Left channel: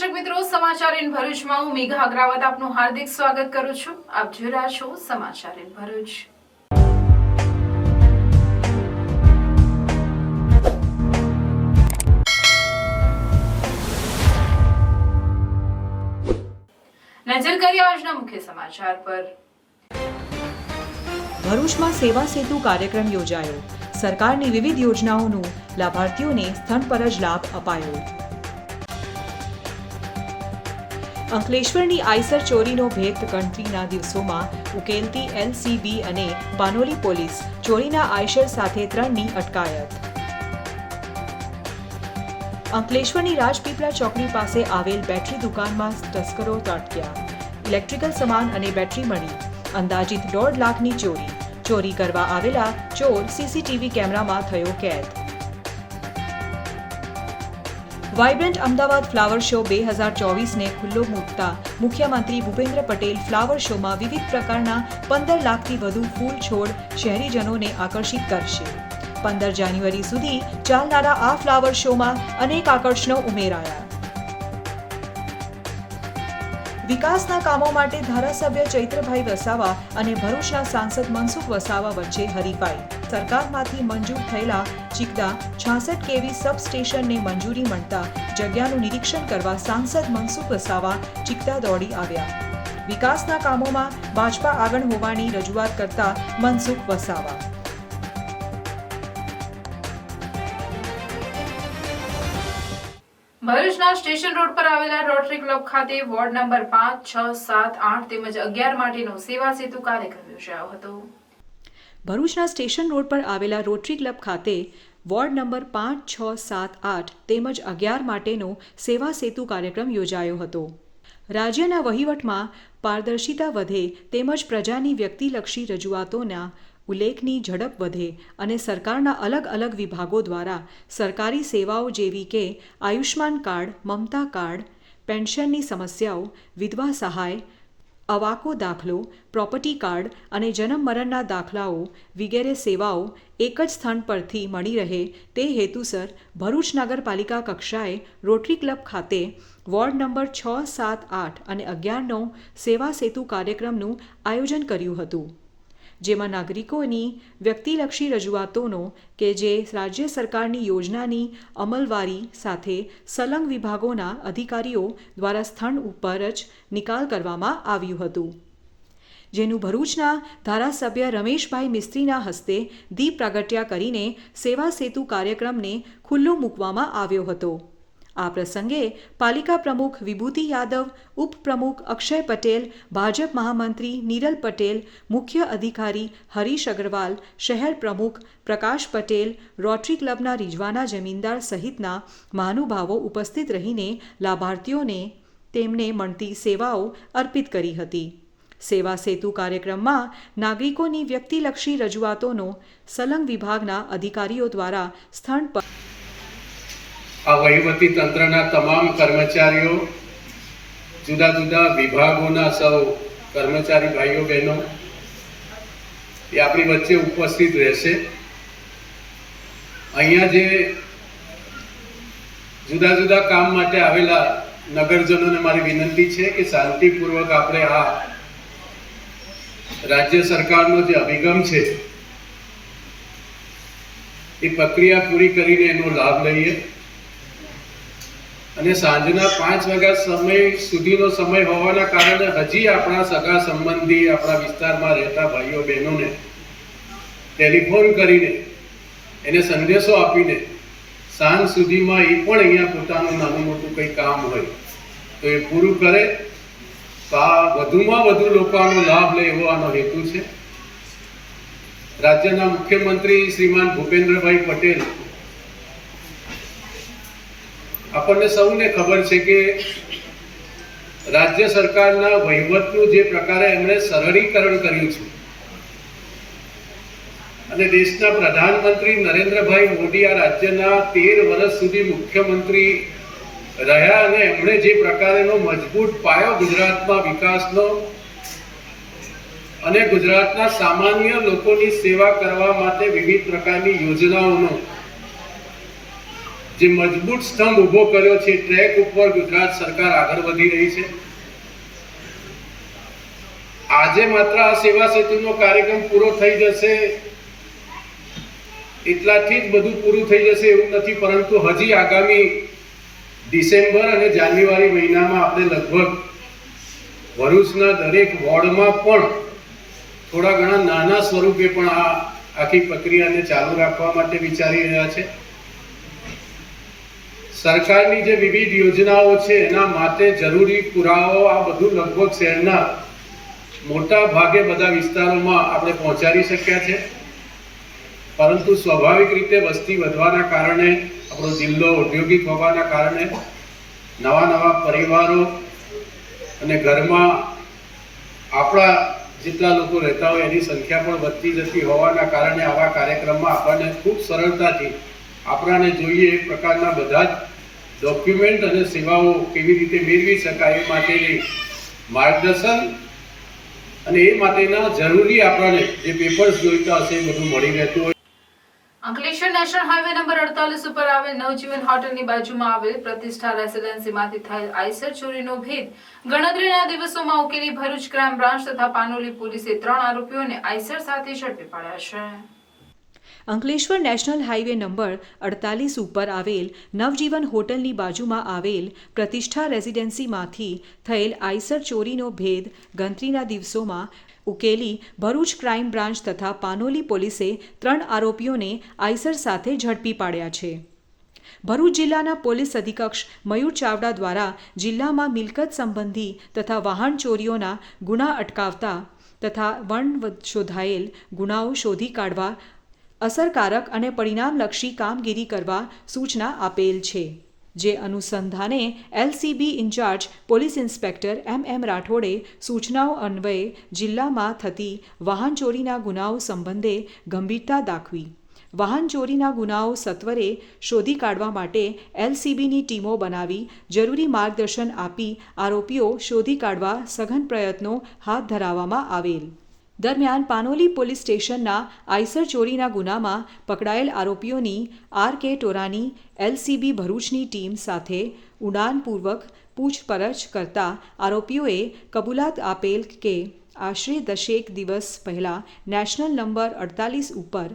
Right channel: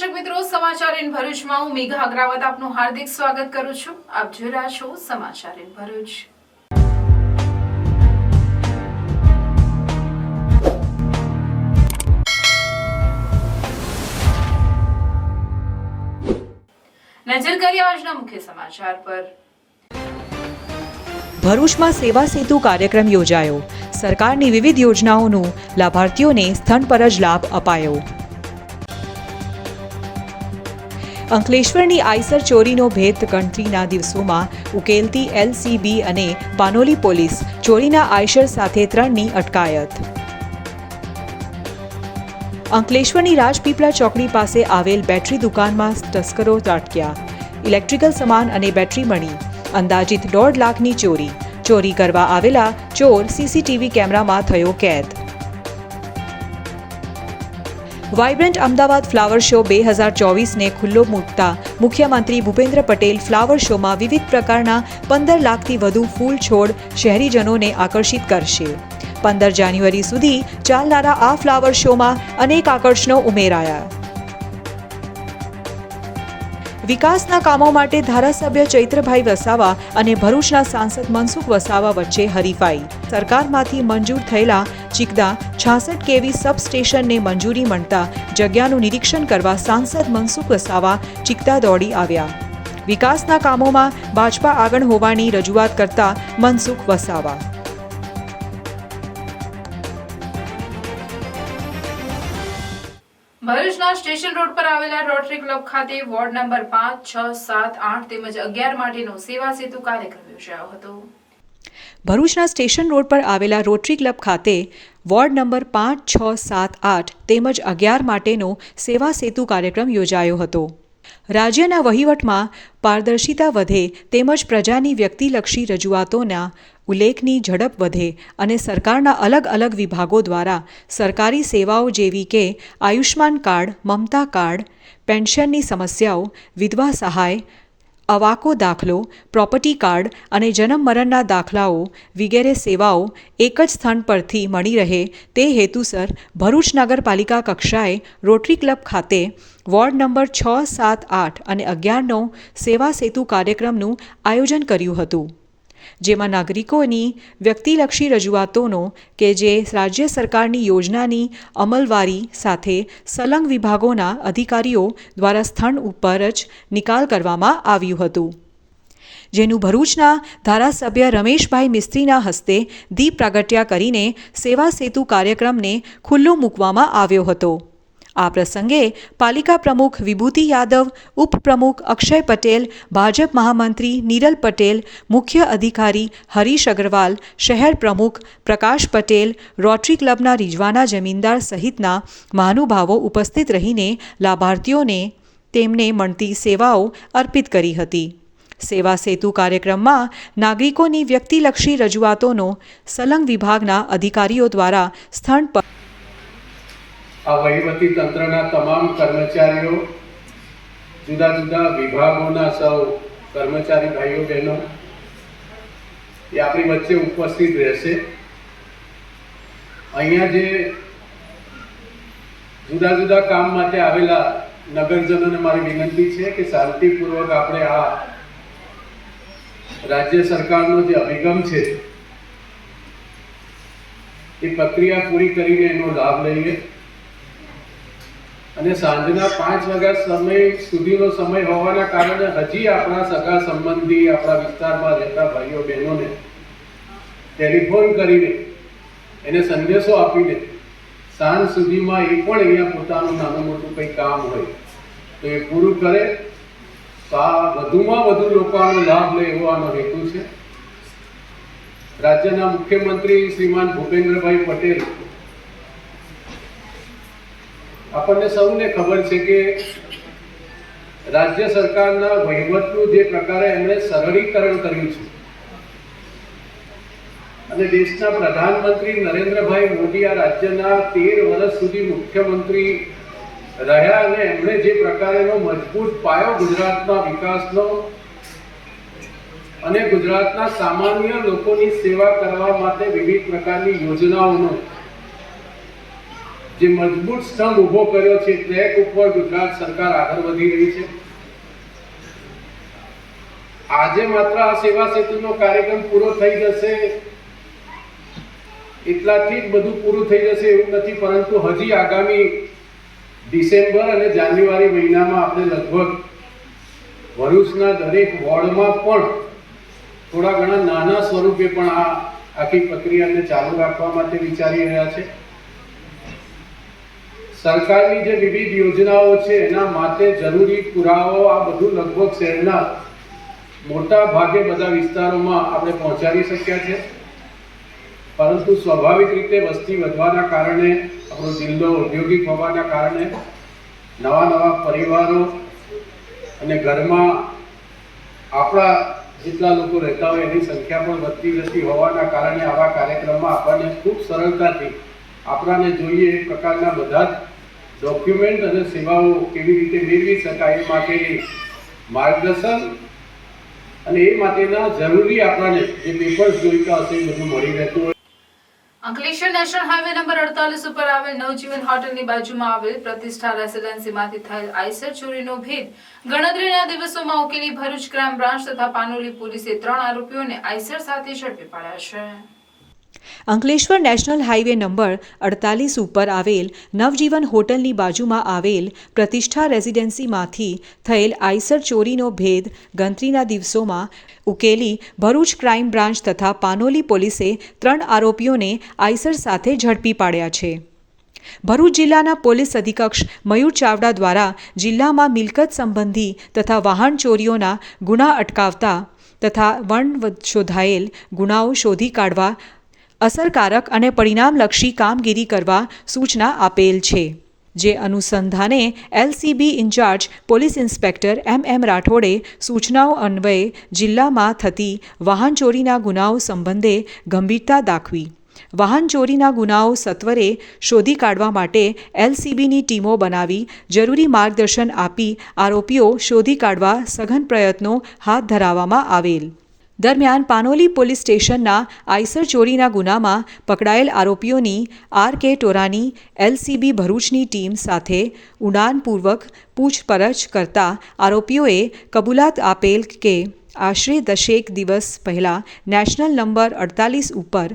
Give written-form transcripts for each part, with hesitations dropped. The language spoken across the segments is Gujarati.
દર્શક મિત્રો, સમાચાર ઇન ભરૂચમાં હું મેઘા અગ્રવાલ આપનું હાર્દિક સ્વાગત કરું છું. આપ જોઈ રહ્યા છો સમાચાર ઇન ભરૂચ. નજર કરીએ આજના મુખ્ય સમાચાર પર. ભરૂચમાં સેવા સેતુ કાર્યક્રમ યોજાયો. સરકારની વિવિધ યોજનાઓનો લાભાર્થીઓને સ્થળ પર જ લાભ અપાયો. અંકલેશ્વરની આઈસર ચોરીનો ભેદ ગણતરીના દિવસોમાં ઉકેલતી એલસીબી અને પાનોલી પોલીસ. ચોરીના આઈસર સાથે 3ની અટકાયત. અંકલેશ્વરની રાજપીપળા ચોકડી પાસે આવેલ બેટરી દુકાનમાં તસ્કરો ત્રાટક્યા. ઇલેક્ટ્રિકલ સામાન અને બેટરી મળી. અંદાજિત 1.5 લાખની ચોરી. ચોરી કરવા આવેલા ચોર સીસીટીવી કેમેરામાં થયો કેદ. વાઇબ્રન્ટ અમદાવાદ ફ્લાવર શો 2024ને ખુલ્લો મૂકતા મુખ્યમંત્રી ભૂપેન્દ્ર પટેલ ફ્લાવર શોમાં વિવિધ પ્રકારના 15 લાખથી વધુ ફૂલ છોડ શહેરીજનોને આકર્ષિત કરશે. 15 જાન્યુઆરી સુધી ચાલનારા આ ફ્લાવર શોમાં અનેક આકર્ષણો ઉમેરાયા. વિકાસના કામો માટે ધારાસભ્ય ચૈત્રભાઈ વસાવા અને ભરૂચના સાંસદ મનસુખ વસાવા વચ્ચે હરીફાઈ. સરકારમાંથી મંજૂર થયેલા ચિકદા 66 કેવી સબસ્ટેશનને મંજૂરી મળતા જગ્યાનું નિરીક્ષણ કરવા સાંસદ મનસુખ વસાવા ચિકદા દોડી આવ્યા. વિકાસના કામોમાં ભાજપા આગળ હોવાની રજૂઆત કરતા મનસુખ વસાવા. ભરૂચના સ્ટેશન રોડ પર આવેલા રોટરી ક્લબ ખાતે વોર્ડ નંબર 5, 6, 7, 8 તેમજ 11 માટેનો સેવા સેતુ કાર્યક્રમ યોજાયો હતો. ભરૂચના સ્ટેશન રોડ પર આવેલા રોટરી ક્લબ ખાતે વોર્ડ નંબર 5, 6, 7, 8 તેમજ 11 માટેનો સેવા સેતુ કાર્યક્રમ યોજાયો હતો. રાજ્યના વહીવટમાં પારદર્શિતા વધે તેમજ પ્રજાની વ્યક્તિલક્ષી રજૂઆતોના ઉલ્લેખની ઝડપ વધે અને સરકારના અલગ અલગ વિભાગો દ્વારા સરકારી સેવાઓ જેવી કે આયુષ્માન કાર્ડ, મમતા કાર્ડ, પેન્શનની સમસ્યાઓ, વિધવા સહાય, અવાકો દાખલો, પ્રોપર્ટી કાર્ડ અને જન્મ મરણના દાખલાઓ વગેરે સેવાઓ એક જ સ્થળ પરથી મળી રહે તે હેતુસર ભરૂચ નગરપાલિકા કક્ષાએ રોટરી ક્લબ ખાતે વોર્ડ નંબર 6, 7, 8 અને 11નો સેવા સેતુ કાર્યક્રમનું આયોજન કર્યું હતું. જેમાં નાગરિકોની વ્યક્તિલક્ષી રજૂઆતોનો કે જે રાજ્ય સરકારની યોજનાની અમલવારી સાથે સંલગ્ન વિભાગોના અધિકારીઓ દ્વારા સ્થળ ઉપર જ નિકાલ કરવામાં આવ્યું હતું. જેનું ભરૂચના ધારાસભ્ય રમેશભાઈ મિસ્ત્રીના હસ્તે દીપ પ્રાગટ્ય કરીને સેવા સેતુ કાર્યક્રમને ખુલ્લો મૂકવામાં આવ્યો હતો. આ પ્રસંગે પાલિકા પ્રમુખ વિભૂતિ યાદવ, ઉપપ્રમુખ અક્ષય પટેલ, ભાજપ મહામંત્રી નીરલ પટેલ, મુખ્ય અધિકારી હરીશ અગ્રવાલ, શહેર પ્રમુખ પ્રકાશ પટેલ, રોટરી ક્લબના રિજવાના જમીનદાર સહિતના મહાનુભાવો ઉપસ્થિત રહીને લાભાર્થીઓને તેમને મળતી સેવાઓ અર્પિત કરી હતી. સેવા સેતુ કાર્યક્રમમાં નાગરિકોની વ્યક્તિલક્ષી રજૂઆતોનો સંલગ્ન વિભાગના અધિકારીઓ દ્વારા સ્થળ પર આ વહીવટી તંત્રના તમામ કર્મચારીઓ, જુદા જુદા વિભાગોના સૌ કર્મચારી ભાઈઓ બહેનો એ આપણી વચ્ચે ઉપસ્થિત રહેશે. અહીંયા જે જુદા જુદા કામ માટે આવેલા નગરજનોને મારી વિનંતી છે કે શાંતિપૂર્વક આપણે આ રાજ્ય સરકારનો જે અભિગમ છે એ પ્રક્રિયા પૂરી કરીને એનો લાભ લઈએ. અને સાંજના 5 વાગ્યા સમય સુધીનો સમય હોવાના કારણે હજી આપણા સગા સંબંધી આપણા વિસ્તારમાં રહેતા ભાઈઓ બહેનોને ટેલિફોન કરીને એને સંદેશો આપીને સાંજ સુધીમાં એ પણ અહીંયા પોતાનું નાનું મોટું કંઈ કામ હોય તો એ પૂરું કરે તો આ વધુમાં વધુ લોકો આનો લાભ લે એવો આનો હેતુ છે. રાજ્યના મુખ્યમંત્રી શ્રીમાન ભૂપેન્દ્રભાઈ પટેલ, આપણને સૌને ખબર છે કે રાજ્ય સરકારના વહીવટનું જે પ્રકારે એમણે સરળીકરણ કર્યું છે અને દેશના પ્રધાનમંત્રી નરેન્દ્રભાઈ મોદી આ રાજ્યના 13 વર્ષ સુધી મુખ્યમંત્રી રહ્યા અને એમણે જે પ્રકારેનો મજબૂત પાયો ગુજરાતમાં વિકાસનો અને ગુજરાતના સામાન્ય લોકોની સેવા કરવા માટે વિવિધ પ્રકારની યોજનાઓનો જે મજબૂત સ્તંભ ઊભો કર્યો છે, ટ્રેક ઉપર ગુજરાત સરકાર આગળ વધી રહી છે. આજે માત્ર આ સેવા સેતુનો કાર્યક્રમ પૂરો થઈ જશે એટલાથી જ બધું પૂરું થઈ જશે એવું નથી, પરંતુ હજી આગામી ડિસેમ્બર અને જાન્યુઆરી મહિનામાં આપણે લગભગ ભરૂચના દરેક વોર્ડમાં પણ થોડા ઘણા નાના સ્વરૂપે પણ આ આખી પ્રક્રિયાને ચાલુ રાખવા માટે વિચારી રહ્યા છે. સરકારની જે વિવિધ યોજનાઓ છે એના માટે જરૂરી પુરાવાઓ આ બધું લગભગ શહેરના મોટા ભાગે બધા વિસ્તારોમાં આપણે પહોંચાડી શક્યા છે, પરંતુ સ્વાભાવિક રીતે વસ્તી વધવાના કારણે, આપણો જિલ્લો ઔદ્યોગિક હોવાના કારણે નવા પરિવારો અને ઘરમાં આપણા જેટલા લોકો રહેતા હોય એની સંખ્યા પણ વધતી જતી હોવાના કારણે આવા કાર્યક્રમમાં આપણને ખૂબ સરળતાથી આપણાને જોઈએ એ પ્રકારના બધા જ ડોક્યુમેન્ટ અને સેવાઓ કેવી રીતે મેળવી શકાય એ માટેની માર્ગદર્શન અને એ માટેના જરૂરી આપણને જે પેપર્સ જોઈતા હશે એ બધું મળી રહેતું હોય. અંકલેશ્વર નેશનલ હાઈવે નંબર 48 ઉપર આવેલ નવજીવન હોટલની બાજુમાં આવેલ પ્રતિષ્ઠા રેસિડેન્સીમાંથી થયેલ આઈસર ચોરીનો ભેદ ગણતરીના દિવસોમાં ઉકેલી ભરૂચ ક્રાઇમ બ્રાન્ચ તથા પાનોલી પોલીસે 3 આરોપીઓને આઈસર સાથે ઝડપી પાડ્યા છે. અંકલેશ્વર નેશનલ હાઈવે નંબર 48 ઉપર આવેલ નવજીવન હોટલની બાજુમાં આવેલ પ્રતિષ્ઠા રેસિડેન્સીમાંથી થયેલ આઈસર ચોરીનો ભેદ ગણતરીના દિવસોમાં ઉકેલી ભરૂચ ક્રાઇમ બ્રાન્ચ તથા પાનોલી પોલીસે 3 આરોપીઓને આઈસર સાથે ઝડપી પાડ્યા છે. ભરૂચ જિલ્લાના પોલીસ અધિક્ષક મયુર ચાવડા દ્વારા જિલ્લામાં મિલકત સંબંધી તથા વાહન ચોરીઓના ગુના અટકાવતા તથા શોધાયેલ ગુનાઓ શોધી કાઢવા અસરકારક અને પરિણામલક્ષી કામગીરી કરવા સૂચના આપેલ છે. જે અનુસંધાને LCB in-charge police inspector M રાઠોડે સૂચનાઓ અન્વયે જિલ્લામાં થતી વાહન ચોરીના ગુનાઓ સંબંધે ગંભીરતા દાખવી વાહન ચોરીના ગુનાઓ સત્વરે શોધી કાઢવા માટે એલસીબીની ટીમો બનાવી જરૂરી માર્ગદર્શન આપી આરોપીઓ શોધી કાઢવા સઘન પ્રયત્નો હાથ ધરવામાં આવેલ. દરમિયાન પાનોલી પોલીસ સ્ટેશનના આઈસર ચોરીના ગુનામાં પકડાયેલ આરોપીઓની આર.કે. ટોરાની એલસીબી ભરૂચની ટીમ સાથે ઊંડાણપૂર્વક પૂછપરછ કરતા આરોપીઓએ કબૂલાત આપેલ કે આશરે 10 દિવસ પહેલાં નેશનલ નંબર 48 ઉપર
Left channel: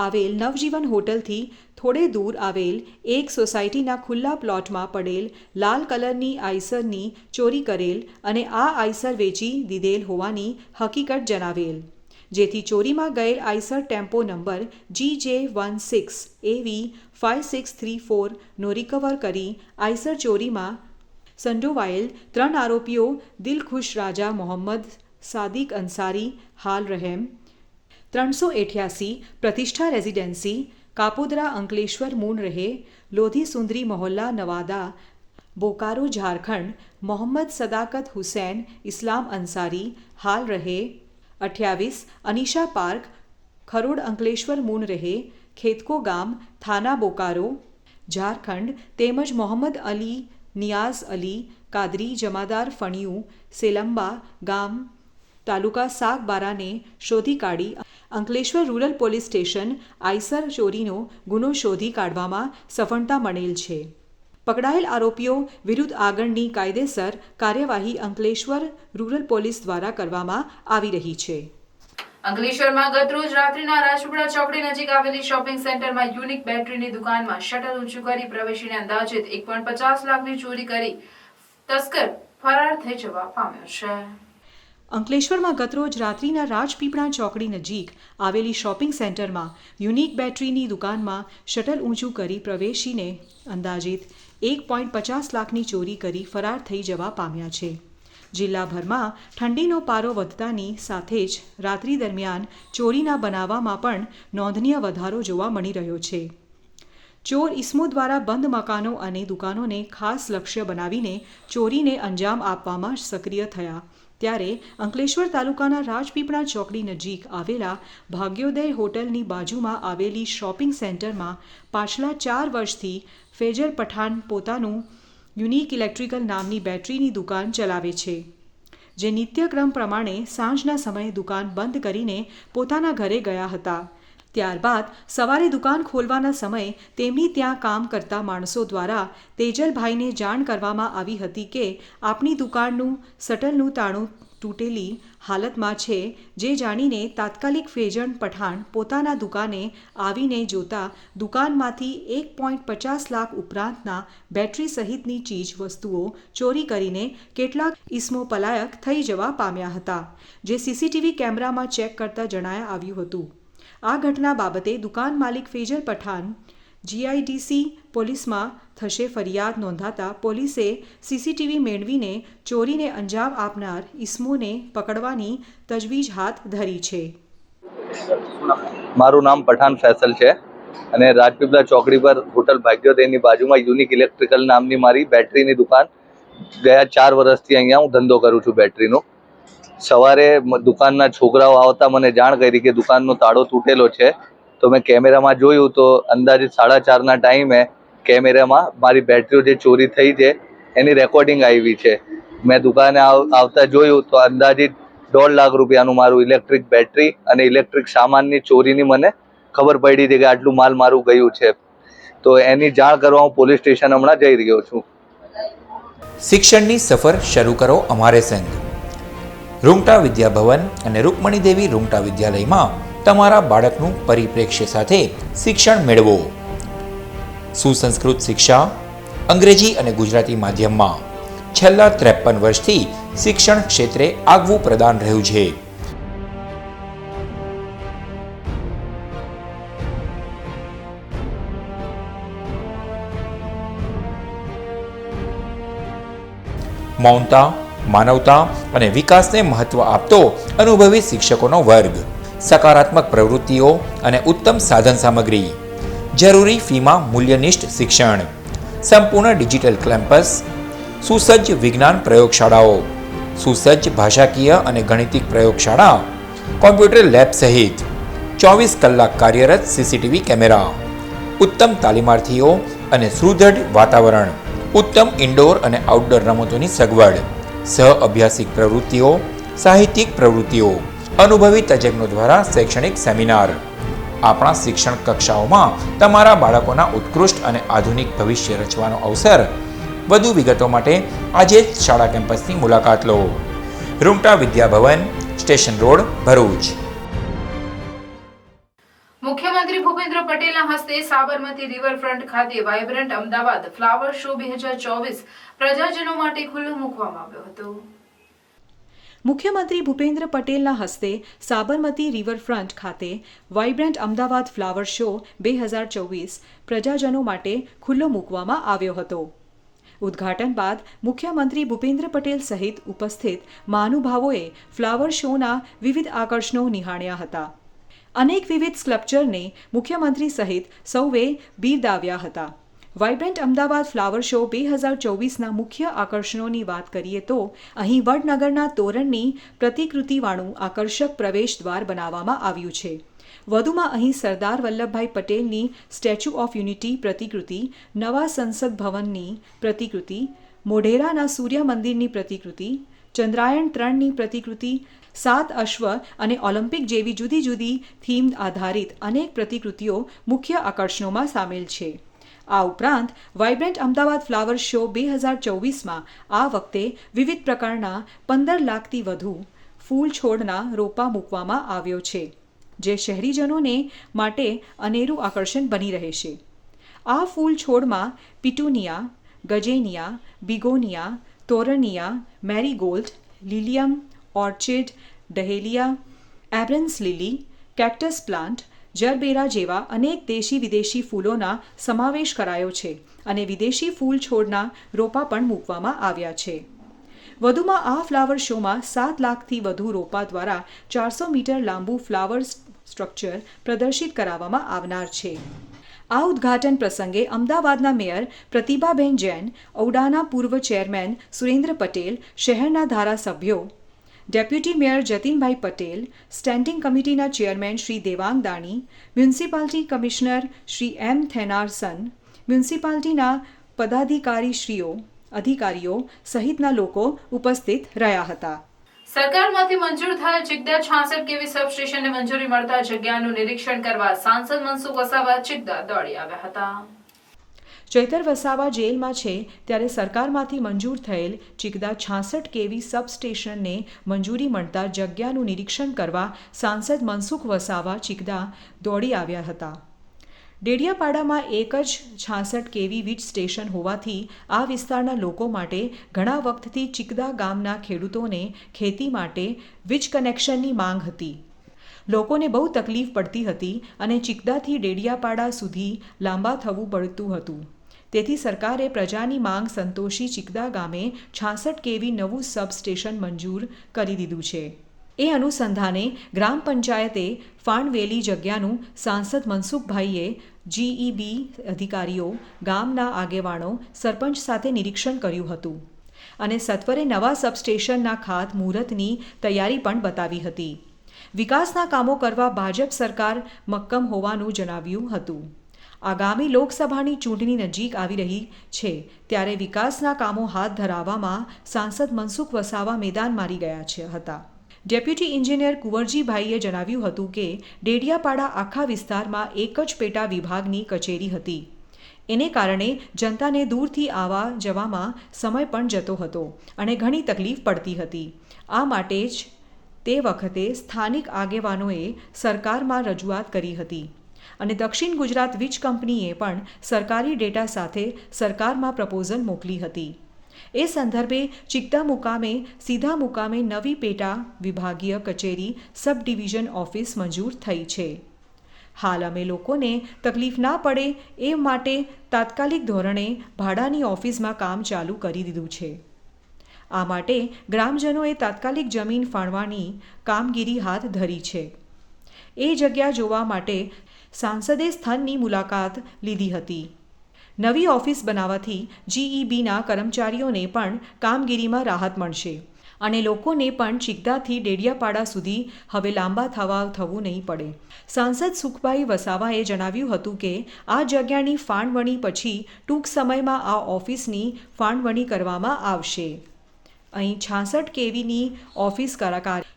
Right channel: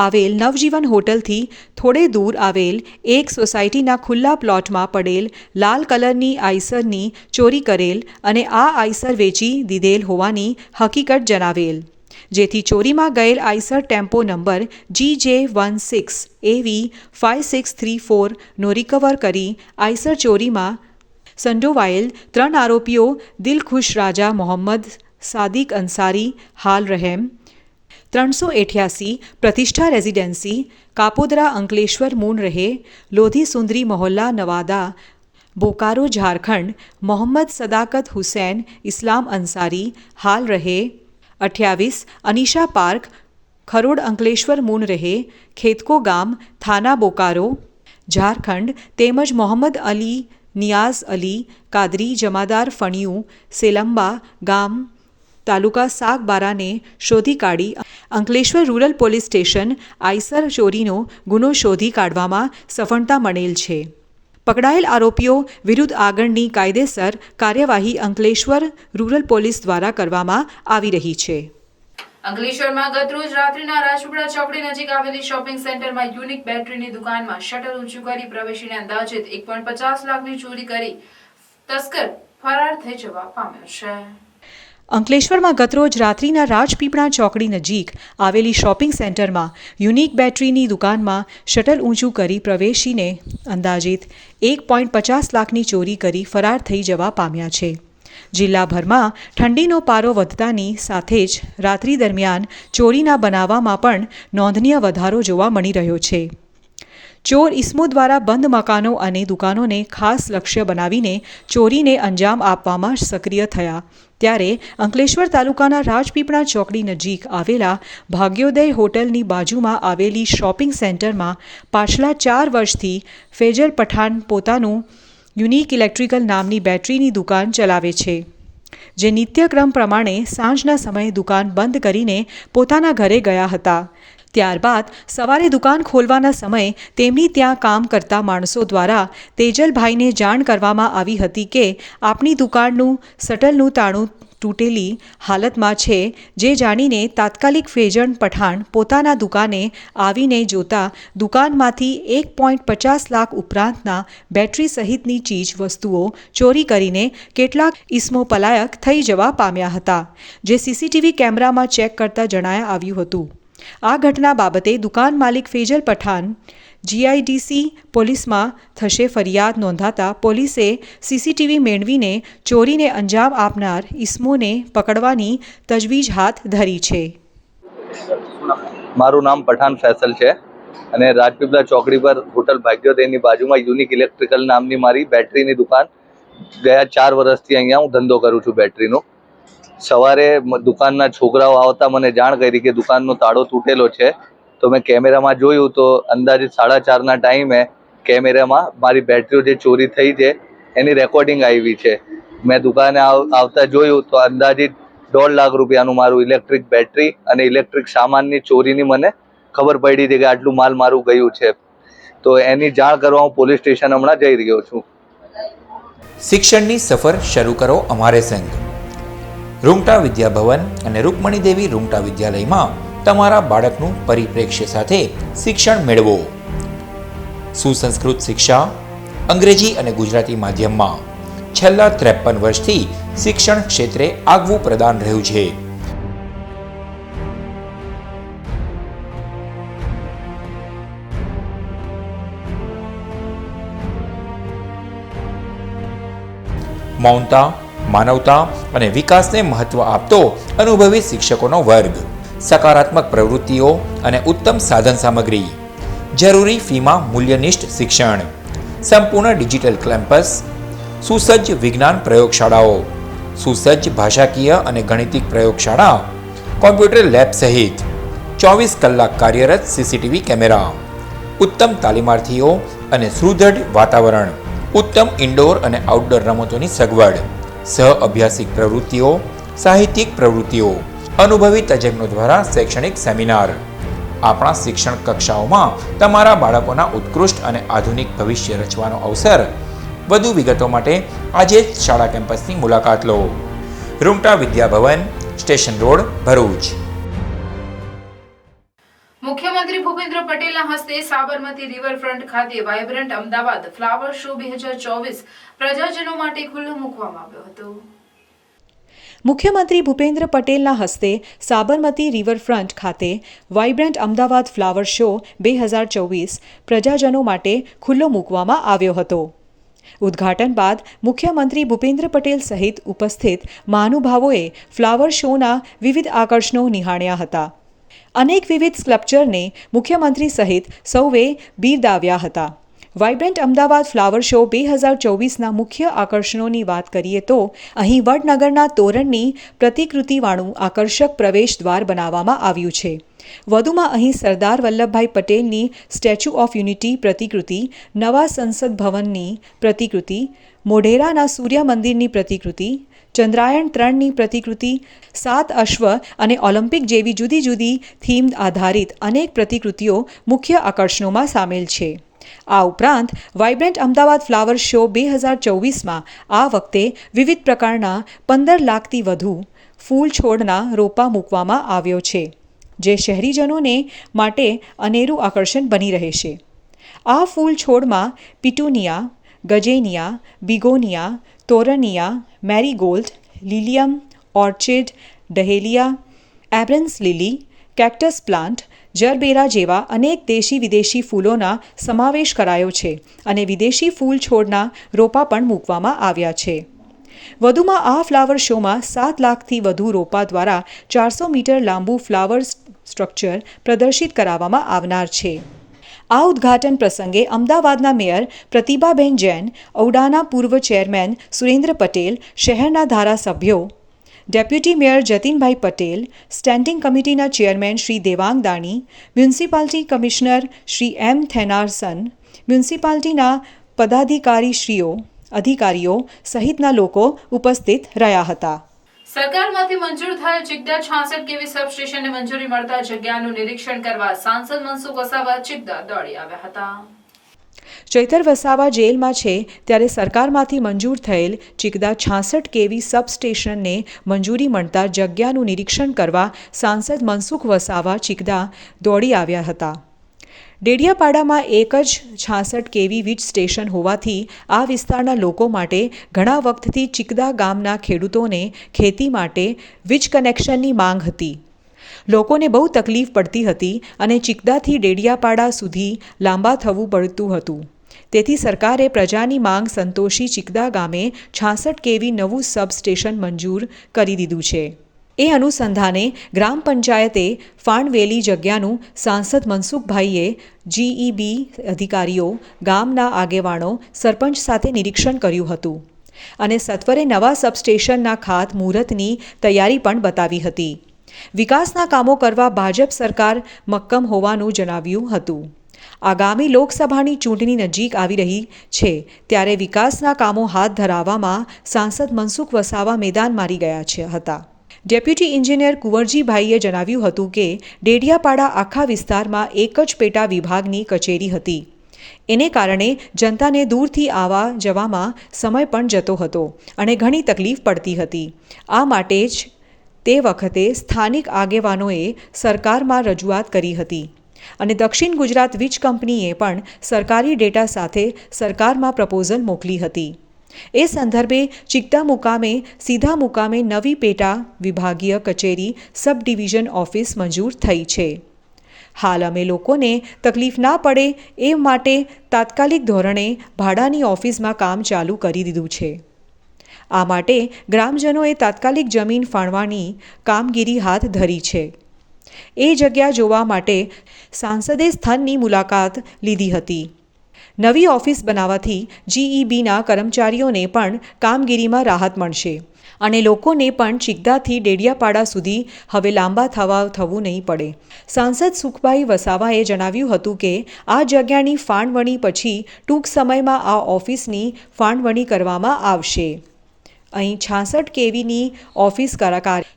આવેલ નવજીવન હોટલથી થોડે દૂર આવેલ એક સોસાયટીના ખુલ્લા પ્લોટમાં પડેલ લાલ કલરની આઈસરની ચોરી કરેલ અને આ આઈસર વેચી દીધેલ હોવાની હકીકત જણાવેલ, જેથી ચોરીમાં ગયેલ આઈસર ટેમ્પો નંબર GJ16AV5634નો રિકવર કરી આઈસર ચોરીમાં સંડોવાયેલ 3 આરોપીઓ દિલખુશ રાજા મોહમ્મદ, સાદિક અંસારી હાલ રહેમ 388 પ્રતિષ્ઠા રેસિડેન્સી કાપોદરા અંકલેશ્વર મૂન રહે લોધી સુંદરી મોહલ્લા નવાદા બોકારો ઝારખંડ મોહમ્મદ સદાકત હુસૈન ઇસ્લામ અંસારી હાલ રહે 28 અનિશા પાર્ક ખરોડ અંકલેશ્વર મૂન રહે ખેતકો ગામ થાના બોકારો ઝારખંડ તેમજ મોહમ્મદ અલી નિયાઝ અલી કાદરી જમાદાર ફણિયું સેલંબા ગામ તાલુકા સાગબારાને શોધી કાઢી Ankleshwar rural police station Eicher ચોરીનો ગુનો શોધી કાઢવામાં સફળતા મળેલ છે. પકડાયેલ આરોપીઓ વિરુદ્ધ આગળની કાયદેસર કાર્યવાહી અંકલેશ્વર રૂરલ પોલીસ દ્વારા કરવામાં આવી રહી છે. અંકલેશ્વરમાં ગતરોજ રાત્રિના રાજપીપળા ચોકડી નજીક આવેલી શોપિંગ સેન્ટરમાં યુનિક બેટરીની દુકાનમાં શટર ઊંચું કરી પ્રવેશીને અંદાજિત 1.50 લાખની ચોરી કરી તસ્કર ફરાર થઈ જવા પામ્યો છે. અંકલેશ્વરમાં ગતરોજ રાત્રિના રાજપીપળા ચોકડી નજીક આવેલી શોપિંગ સેન્ટરમાં યુનિક બેટરીની દુકાનમાં શટર ઊંચું કરી પ્રવેશીને અંદાજિત 1.50 લાખની ચોરી કરી ફરાર થઈ જવા પામ્યા છે. જિલ્લાભરમાં ઠંડીનો પારો વધતાની સાથે જ રાત્રિ દરમિયાન ચોરીના બનાવમાં પણ નોંધનીય વધારો જોવા મળી રહ્યો છે. ચોર ઇસમો દ્વારા બંધ મકાનો અને દુકાનોને ખાસ લક્ષ્ય બનાવીને ચોરીને અંજામ આપવામાં સક્રિય થયા ત્યારે અંકલેશ્વર તાલુકાના રાજપીપળા ચોકડી નજીક આવેલા ભાગ્યોદય હોટલની બાજુમાં આવેલી શોપિંગ સેન્ટરમાં પાછલા 4 વર્ષથી ફેજલ પઠાણ પોતાનું યુનિક ઇલેક્ટ્રિકલ નામની બેટરીની દુકાન ચલાવે છે, જે નિત્યક્રમ પ્રમાણે સાંજના સમયે દુકાન બંધ કરીને પોતાના ઘરે ગયા હતા. ત્યારબાદ સવારે દુકાન ખોલવાના સમયે તેમની ત્યાં કામ કરતા માણસો દ્વારા તેજલભાઈને જાણ કરવામાં આવી હતી કે આપણી દુકાનનું શટલનું તાળું તૂટેલી હાલતમાં છે, જે જાણીને તાત્કાલિક ફેજન પઠાણ પોતાના દુકાને આવીને જોતા દુકાનમાંથી 1.50 લાખ ઉપરાંતના બેટરી સહિતની ચીજ વસ્તુઓ ચોરી કરીને કેટલાક ઈસમો પલાયક થઈ જવા પામ્યા હતા, જે સીસીટીવી કેમેરામાં ચેક કરતા જણાયા આવ્યું હતું. આ ઘટના બાબતે દુકાન માલિક ફેજલ પઠાણ જીઆઈડીસી પોલીસમાં થશે ફરિયાદ નોંધાતા પોલીસે સીસીટીવી મેળવીને ચોરીને અંજામ આપનાર ઈસમોને પકડવાની તજવીજ હાથ ધરી છે. મારું નામ પઠાણ ફૈસલ છે અને રાજપીપળા ચોકડી પર હોટલ ભાગ્યોદયની બાજુમાં યુનિક ઇલેક્ટ્રિકલ નામની મારી બેટરીની દુકાન ગયા 4 વર્ષથી અહીંયા હું ધંધો કરું છું બેટરીનો. સવારે દુકાનના છોકરાઓ આવતા મને જાણ કરી કે દુકાનનો તાળો તૂટેલો છે, તો મેં કેમેરામાં જોયું તો અંદાજિત 4:30ના ટાઈમે કેમેરામાં મારી બેટરીઓ જે ચોરી થઈ છે એની રેકોર્ડિંગ આવી છે. મેં દુકાને આવતા જોયું તો અંદાજિત 1.5 લાખ રૂપિયાનું મારું ઇલેક્ટ્રિક બેટરી અને ઇલેક્ટ્રિક સામાનની ચોરીની મને ખબર પડી છે કે આટલું માલ મારું ગયું છે. તો એની જાણ કરવા હું પોલીસ સ્ટેશન હમણાં જઈ રહ્યો છું. શિક્ષણની સફર શરૂ કરો અમારે સંગ. રૂંગટા વિદ્યાભવન અને રૂકમણી દેવી રૂંગટા વિદ્યાલયમાં તમારા બાળકનું પરિપ્રેક્ષ્ય સાથે શિક્ષણ મેળવો. સુસંસ્કૃત શિક્ષા અંગ્રેજી અને ગુજરાતી માધ્યમમાં છેલ્લા 53 વર્ષથી શિક્ષણ ક્ષેત્રે આગવું પ્રદાન રહ્યું છે. મૌનતા, માનવતા અને વિકાસને મહત્વ આપતો અનુભવી શિક્ષકોનો વર્ગ, સકારાત્મક પ્રવૃત્તિઓ અને ઉત્તમ સાધન સામગ્રી, જરૂરી ફીમાં મૂલ્યનિષ્ઠ શિક્ષણ, સંપૂર્ણ ડિજિટલ કેમ્પસ, સુસજ્જ વિજ્ઞાન પ્રયોગશાળાઓ, સુસજ્જ ભાષાકીય અને ગણિતિક પ્રયોગશાળા, કોમ્પ્યુટર લેબ સહિત 24 કલાક કાર્યરત સીસીટીવી કેમેરા, ઉત્તમ તાલીમાર્થીઓ અને સુદૃઢ વાતાવરણ, ઉત્તમ ઇન્ડોર અને આઉટડોર રમતોની સગવડ, સહ અભ્યાસિક પ્રવૃત્તિઓ, સાહિત્યિક પ્રવૃત્તિઓ, અનુભવી તજજ્ઞો દ્વારા શૈક્ષણિક સેમિનાર. આપણા શિક્ષણ કક્ષાઓમાં તમારા બાળકોના ઉત્કૃષ્ટ અને આધુનિક ભવિષ્ય રચવાનો અવસર. વધુ વિગતો માટે આજે જ શાળા કેમ્પસની મુલાકાત લો. Rungta Vidyabhavan, station road, Bharuch. મુખ્યમંત્રી ભૂપેન્દ્ર પટેલના હસ્તે સાબરમતી રિવરફ્રન્ટ ખાતે વાઇબ્રન્ટ અમદાવાદ ફ્લાવર શો 2024 પ્રજાજનો માટે ખુલ્લો મૂકવામાં આવ્યો હતો. મુખ્યમંત્રી ભૂપેન્દ્ર પટેલના હસ્તે સાબરમતી રિવરફ્રન્ટ ખાતે વાઇબ્રન્ટ અમદાવાદ ફ્લાવર શો 2024 પ્રજાજનો માટે ખુલ્લો મૂકવામાં આવ્યો હતો. ઉદ્ઘાટન બાદ મુખ્યમંત્રી ભૂપેન્દ્ર પટેલ સહિત ઉપસ્થિત મહાનુભાવોએ ફ્લાવર શોના વિવિધ આકર્ષણો નિહાળ્યા હતા. અનેક વિવિધ સ્કલ્પચરને મુખ્યમંત્રી સહિત સૌએ બિરદાવ્યા હતા. વાઇબ્રન્ટ અમદાવાદ ફ્લાવર શો 2024ના મુખ્ય આકર્ષણોની વાત કરીએ તો અહીં વડનગરના તોરણની પ્રતિકૃતિવાળું આકર્ષક પ્રવેશ દ્વાર બનાવવામાં આવ્યું છે. વધુમાં અહીં સરદાર વલ્લભભાઈ પટેલની સ્ટેચ્યુ ઓફ યુનિટી પ્રતિકૃતિ, નવા સંસદ ભવનની પ્રતિકૃતિ, મોઢેરાના સૂર્ય મંદિરની પ્રતિકૃતિ, ચંદ્રાયણ 3ની પ્રતિકૃતિ, 7 અશ્વ અને ઓલિમ્પિક જેવી જુદી જુદી થીમ આધારિત અનેક પ્રતિકૃતિઓ મુખ્ય આકર્ષણોમાં સામેલ છે. આ ઉપરાંત વાઇબ્રન્ટ અમદાવાદ ફ્લાવર શો 2024માં આ વખતે વિવિધ પ્રકારના 15 લાખથી વધુ ફૂલ છોડના રોપા મૂકવામાં આવ્યો છે, જે શહેરીજનોને માટે અનેરું આકર્ષણ બની રહેશે. આ ફૂલ છોડમાં પિટુનિયા, ગજેનિયા, બિગોનિયા, તોરનિયા, મેરીગોલ્ડ, લિલિયમ, ઓર્ચિડ, ડહેલિયા, એબ્રન્સ લીલી, કેક્ટસ પ્લાન્ટ, જરબેરા જેવા અનેક દેશી વિદેશી ફૂલોના સમાવેશ કરાયો છે અને વિદેશી ફૂલ છોડના રોપા પણ મૂકવામાં આવ્યા છે. વધુમાં આ ફ્લાવર શોમાં 7 લાખથી વધુ રોપા દ્વારા 400 મીટર લાંબુ ફ્લાવર સ્ટ્રક્ચર પ્રદર્શિત કરાવવામાં આવનાર છે. આ ઉદ્ઘાટન પ્રસંગે અમદાવાદના મેયર પ્રતિભાબેન જૈન, ઔડાના પૂર્વ ચેરમેન સુરેન્દ્ર પટેલ, શહેરના ધારાસભ્યો deputy mayor Jatinbhai Patel, standing કમિટીના chairman Shri Devang Dani, municipality commissioner Shri M Thennarasan, મ્યુનિસિપાલિટીના પદાધિકારીઓ સહિતના લોકો ઉપસ્થિત રહ્યા હતા. સરકારમાંથી મંજૂર થયેલ ચિકદા 66 કેવી સબસ્ટેશનને મંજૂરી મળતા જગ્યાનું નિરીક્ષણ કરવા સાંસદ મનસુખ વસાવા ચિકદા દોડી આવ્યા હતા. ચૈતર વસાવા જેલમાં છે ત્યારે સરકારમાંથી મંજૂર થયેલ ચિકદા 66 કેવી સબસ્ટેશનને મંજૂરી મળતા જગ્યાનું નિરીક્ષણ કરવા સાંસદ મનસુખ વસાવા ચિકદા દોડી આવ્યા હતા. ડેડિયાપાડામાં એક જ 66 કેવી વીજ સ્ટેશન હોવાથી આ વિસ્તારના લોકો માટે ઘણા વખતથી ચિકદા ગામના ખેડૂતોને ખેતી માટે વીજ કનેક્શનની માંગ હતી. લોકોને બહુ તકલીફ પડતી હતી અને ચિકદાથી ડેડિયાપાડા સુધી લાંબા થવું પડતું હતું. તેથી સરકારે પ્રજાની માંગ સંતોષી ચિકદા ગામે 66 કેવી નવું સબસ્ટેશન મંજૂર કરી દીધું છે. એ અનુસંધાને ગ્રામ પંચાયતે ફાળવેલી જગ્યાનું સાંસદ મનસુખભાઈએ GEB અધિકારીઓ, ગામના આગેવાનો, સરપંચ સાથે નિરીક્ષણ કર્યું હતું અને સત્વરે નવા સબસ્ટેશનના ખાતમુહૂર્તની તૈયારી પણ બતાવી હતી. વિકાસના કામો કરવા ભાજપ સરકાર મક્કમ હોવાનું જણાવ્યું હતું. આગામી લોકસભાની ચૂંટણી નજીક આવી રહી છે ત્યારે વિકાસના કામો હાથ ધરાવવામાં સાંસદ મનસુખ વસાવા મેદાન મારી ગયા હતા. ડેપ્યુટી એન્જિનિયર કુંવરજીભાઈએ જણાવ્યું હતું કે ડેડિયાપાડા આખા વિસ્તારમાં એક જ પેટા વિભાગની કચેરી હતી. એને કારણે જનતાને દૂરથી આવવા જવામાં સમય પણ જતો હતો અને ઘણી તકલીફ પડતી હતી. આ માટે જ તે વખતે સ્થાનિક આગેવાનોએ સરકારમાં રજૂઆત કરી હતી અને દક્ષિણ ગુજરાત વીજ કંપનીએ પણ સરકારી ડેટા સાથે સરકારમાં પ્રપોઝલ મોકલી હતી. એ સંદર્ભે ચિકદા મુકામે સીધા મુકામે નવી પેટા વિભાગીય કચેરી સબ ડિવિઝન ઓફિસ મંજૂર થઈ છે. હાલ અમે લોકોને તકલીફ ના પડે એ માટે તાત્કાલિક ધોરણે ભાડાની ઓફિસમાં કામ ચાલુ કરી દીધું છે. આ માટે ગ્રામજનોએ તાત્કાલિક જમીન ફાળવાની કામગીરી હાથ ધરી છે. એ જગ્યા જોવા માટે સાંસદે સ્થળની મુલાકાત લીધી હતી. નવી ઓફિસ બનાવવાથી GEBના કર્મચારીઓને પણ કામગીરીમાં રાહત મળશે અને લોકોને પણ ચિકદાથી ડેડિયાપાડા સુધી હવે લાંબા થવું નહીં પડે. સાંસદ સુખભાઈ વસાવાએ જણાવ્યું હતું કે આ જગ્યાની ફાળવણી પછી ટૂંક સમયમાં આ ઓફિસની ફાળવણી કરવામાં આવશે. અહીં 66 કેવીની ઓફિસ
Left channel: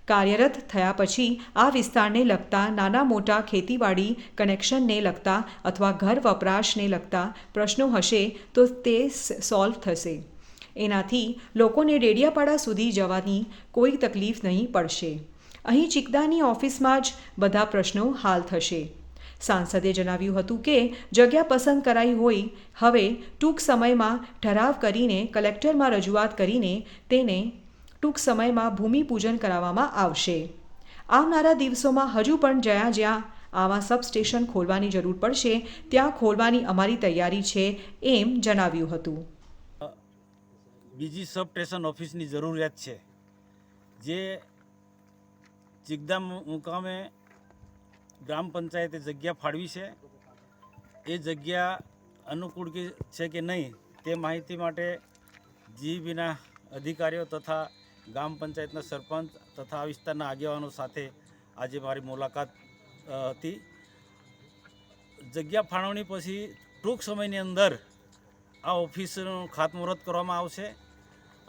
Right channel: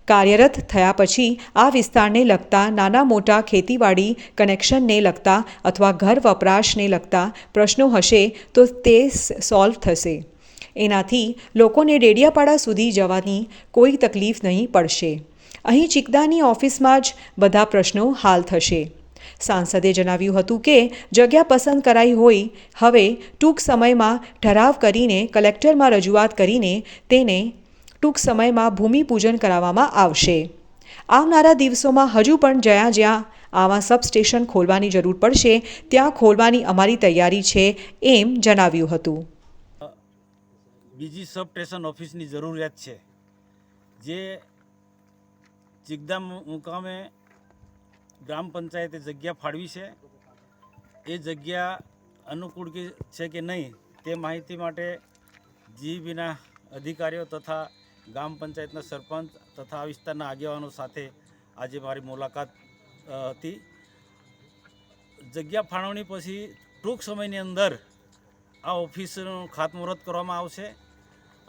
કાર્યરત થયા પછી આ વિસ્તારને લગતા નાના મોટા ખેતીવાડી કનેક્શનને લગતા અથવા ઘર વપરાશને લગતા પ્રશ્નો હશે તો તે સોલ્વ થશે. એનાથી લોકોને ડેડિયાપાડા સુધી જવાની કોઈ તકલીફ નહીં પડશે. અહીં ચિકદાની ઓફિસમાં જ બધા પ્રશ્નો હાલ થશે. સાંસદે જણાવ્યું હતું કે જગ્યા પસંદ કરાઈ હોય હવે ટૂંક સમયમાં ઠરાવ કરીને કલેક્ટરમાં રજૂઆત કરીને તેને ટૂંક સમયમાં ભૂમિપૂજન કરાવવામાં આવશે. આવનારા દિવસોમાં હજુ પણ જ્યાં આવા સબસ્ટેશન ખોલવાની જરૂર પડશે ત્યાં ખોલવાની અમારી તૈયારી છે એમ જણાવ્યું હતું. બીજી સબસ્ટેશન ઓફિસની જરૂરિયાત છે જે ચિકદા મુકામે ગ્રામ પંચાયતે જગ્યા ફાળવી છે. એ જગ્યા અનુકૂળ છે કે નહીં તે માહિતી માટે GEBના અધિકારીઓ તથા ગ્રામ પંચાયતના સરપંચ તથા આ વિસ્તારના આગેવાનો સાથે આજે મારી મુલાકાત હતી. જગ્યા ફાળવણી પછી ટૂંક સમયની અંદર આ ઓફિસનું ખાતમુહૂર્ત કરવામાં આવશે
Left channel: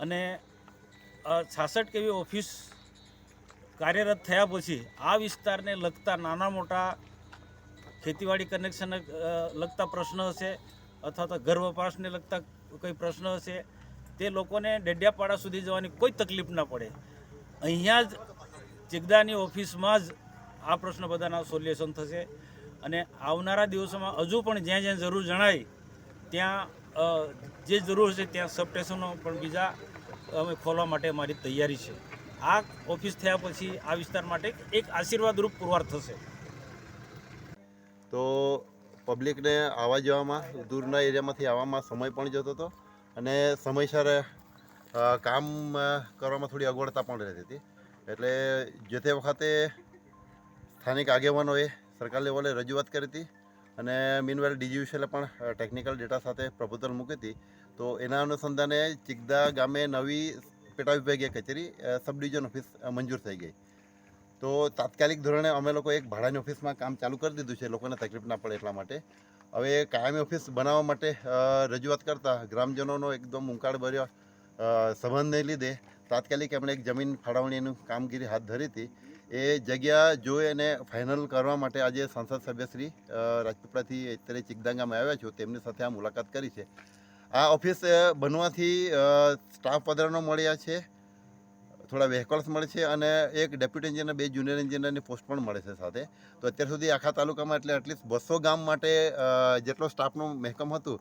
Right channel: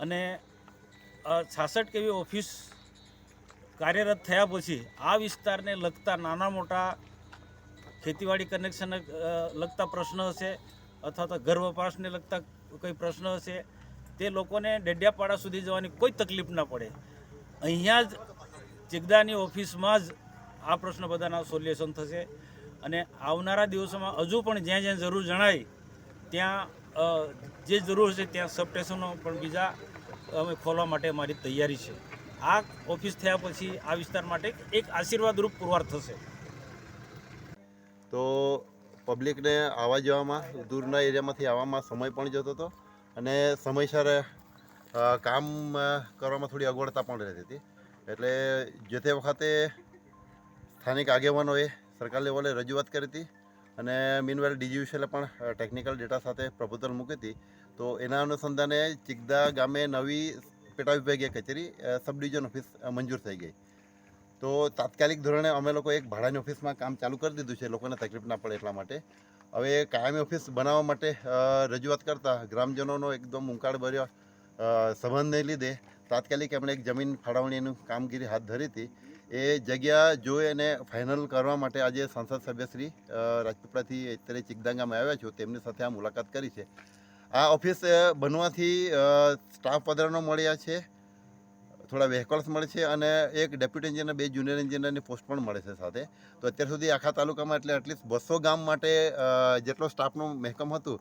અને 66 કેવી ઓફિસ કાર્યરત થયા પછી આ વિસ્તારને લગતા નાના મોટા ખેતીવાડી કનેક્શન લગતા પ્રશ્ન હશે અથવા તો ઘર વપરાશને લગતા કોઈ પ્રશ્ન હશે તે લોકોને ડેડિયાપાડા સુધી જવાની કોઈ તકલીફ ના પડે. અહીંયા જ ચિકદાની ઓફિસમાં જ આ પ્રશ્ન બધાના સોલ્યુશન થશે અને આવનારા દિવસોમાં હજુ પણ જ્યાં જ્યાં જરૂર જણાય ત્યાં જે જરૂર હશે ત્યાં સબસ્ટેશનો પણ બીજા અમે ખોલવા માટે અમારી તૈયારી છે. આ ઓફિસ થયા પછી આ વિસ્તાર માટે એક આશીર્વાદરૂપ પુરવાર થશે. તો પબ્લિકને આવવા જવામાં દૂરના એરિયામાંથી આવવામાં સમય પણ જતો હતો અને સમયસર કામ કરવામાં થોડી અગવડતા પણ રહેતી હતી. એટલે જે તે વખતે સ્થાનિક આગેવાનોએ સરકાર લેવલે રજૂઆત કરી હતી અને મીનવેલ DGVCLએ પણ ટેકનિકલ ડેટા સાથે પ્રપોઝલ મૂકી હતી. તો એના અનુસંધાને ચિકદા ગામે નવી પેટા વિભાગીય કચેરી સબ ડિવિઝન ઓફિસ મંજૂર થઈ ગઈ. તો તાત્કાલિક ધોરણે અમે લોકો એક ભાડાની ઓફિસમાં કામ ચાલુ કરી દીધું છે લોકોને તકલીફ ના પડે એટલા માટે. હવે કાયમી ઓફિસ બનાવવા માટે રજૂઆત કરતાં ગ્રામજનોનો એકદમ ઉંકાળભર્યો સંબંધને લીધે તાત્કાલિક એમણે એક જમીન ફાળવણીનું કામગીરી હાથ ધરી હતી. એ જગ્યા જોઈ અને ફાઇનલ કરવા માટે આજે સંસદ સભ્ય શ્રી રાજપીપળાથી અત્યારે ચિકદાંગામાં આવ્યા છો, તેમની સાથે આ મુલાકાત કરી છે. આ ઓફિસ બનવાથી સ્ટાફ વધારાનો મળ્યા છે, થોડા વ્હીકલ્સ મળે છે અને એક ડેપ્યુટી એન્જિનિયર, 2 જુનિયર એન્જિનિયરની પોસ્ટ પણ મળે છે સાથે. તો અત્યાર સુધી આખા તાલુકામાં એટલે એટલીસ્ટ 200 ગામ માટે જેટલો સ્ટાફનું મહેકમ હતું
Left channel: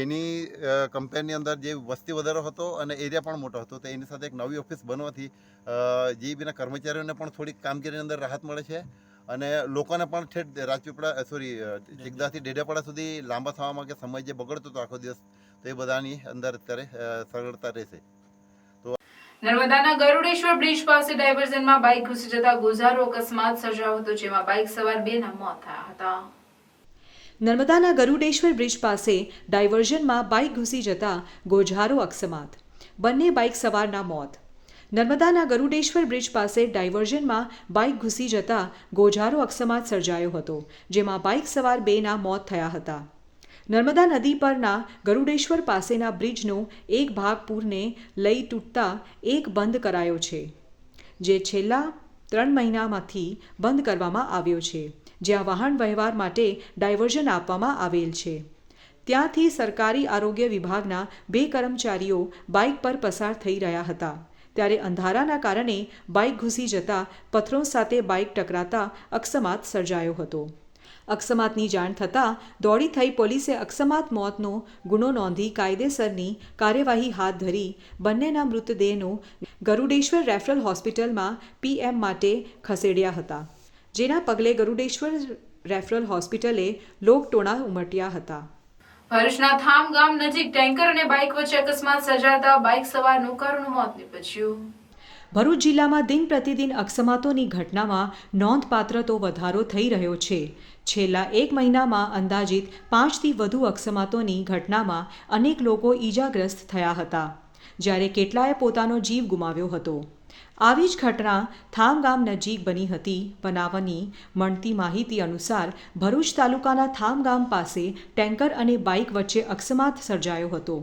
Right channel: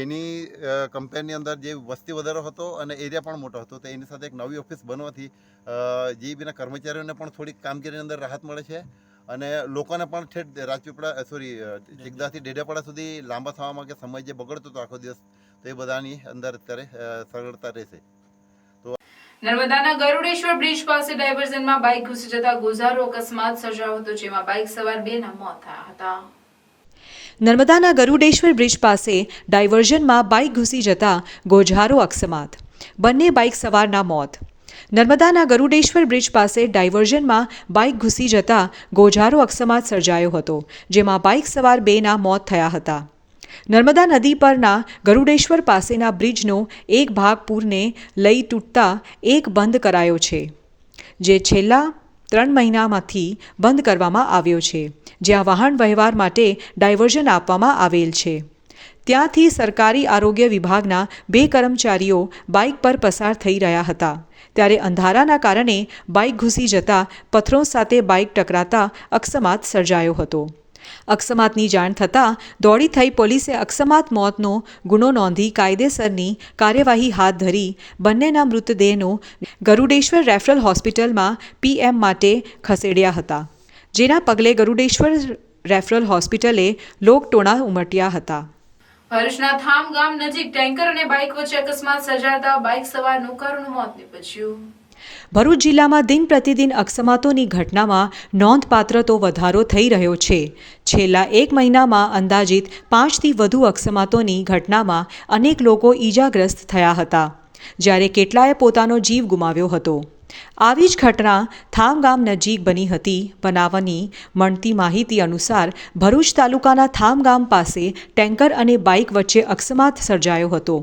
એની કમ્પેરની અંદર જે વસ્તી વધારો હતો અને એરિયા પણ મોટો હતો, તો એની સાથે એક નવી ઓફિસ બનવાથી જીઈબીના કર્મચારીઓને પણ થોડીક કામગીરીની અંદર રાહત મળે છે અને લોકોને પણ ઠેઠ રાજપીપળા ચિકદાથી ડેડિયાપાડા સુધી લાંબા થવામાં કે સમય જે બગડતો હતો આખો દિવસ, તો એ બધાની અંદર અત્યારે સરળતા રહેશે. નર્મદાના ગરુડેશ્વર બ્રિજ પાસે ડાયવર્ઝનમાં બાઇક ઘૂસી જતા ગોઝારો અકસ્માત સર્જાયો હતો, જેમાં બાઇક સવાર 2ના મોત થયા હતા. નર્મદાના ગરુડેશ્વર બ્રિજ પાસે ડાયવર્ઝનમાં બાઇક ઘૂસી જતા ગોઝારો અકસ્માત, બંને બાઇક સવારના મોત. નર્મદાના ગરુડેશ્વર બ્રિજ પાસે ડાયવર્ઝનમાં બાઇક ઘૂસી જતા ગોઝારો અકસ્માત સર્જાયો હતો, જેમાં બાઇક સવાર 2ના મોત થયા હતા. નર્મદા નદી પરના ગરુડેશ્વર પાસેના બ્રિજનો એક ભાગ પૂરને લઈ તૂટતા એક બંધ કરાયો છે, જે છેલ્લા 3 મહિનામાંથી બંધ કરવામાં આવ્યો છે, જ્યાં વાહન વ્યવહાર માટે ડાયવર્ઝન આપવામાં આવેલ છે. ત્યાંથી સરકારી આરોગ્ય વિભાગના 2 કર્મચારીઓ બાઇક પર પસાર થઈ રહ્યા હતા, ત્યારે અંધારાના કારણે બાઇક ઘૂસી જતા પથ્થરો સાથે બાઇક ટકરાતા અકસ્માત સર્જાયો હતો. અકસ્માતની જાણ થતાં દોડી થઈ પોલીસે અકસ્માત મોતનો ગુનો નોંધી કાયદેસરની કાર્યવાહી હાથ ધરી બંનેના મૃતદેહનો ગરુડેશ્વર રેફરલ હોસ્પિટલમાં PM માટે ખસેડ્યા હતા, જેના પગલે ગરુડેશ્વર રેફરલ હોસ્પિટલે લોકટોણા ઉમટ્યા હતા. ભરૂચના થામ ગામ નજીક ટેન્કર અને બાઇક વચ્ચે અકસ્માત સર્જાતા બાઇક સવારનું કરુણ મોત નીપજ્યું. ભરૂચ જિલ્લામાં દિન પ્રતિદિન અકસ્માતોની ઘટનામાં નોંધપાત્ર તો વધારો થઈ રહ્યો છે. છેલ્લા 1 મહિનામાં અંદાજિત 5થી વધુ અકસ્માતોની ઘટનામાં અનેક લોકો ઈજાગ્રસ્ત થયા હતા, જ્યારે કેટલાએ પોતાનો જીવ ગુમાવ્યો હતો. આવી જ ઘટના થામ ગામ નજીક બની હતી. બનાવની મળતી માહિતી અનુસાર ભરૂચ તાલુકાના થામ ગામ પાસે ટેન્કર અને બાઇક વચ્ચે અકસ્માત સર્જાયો હતો.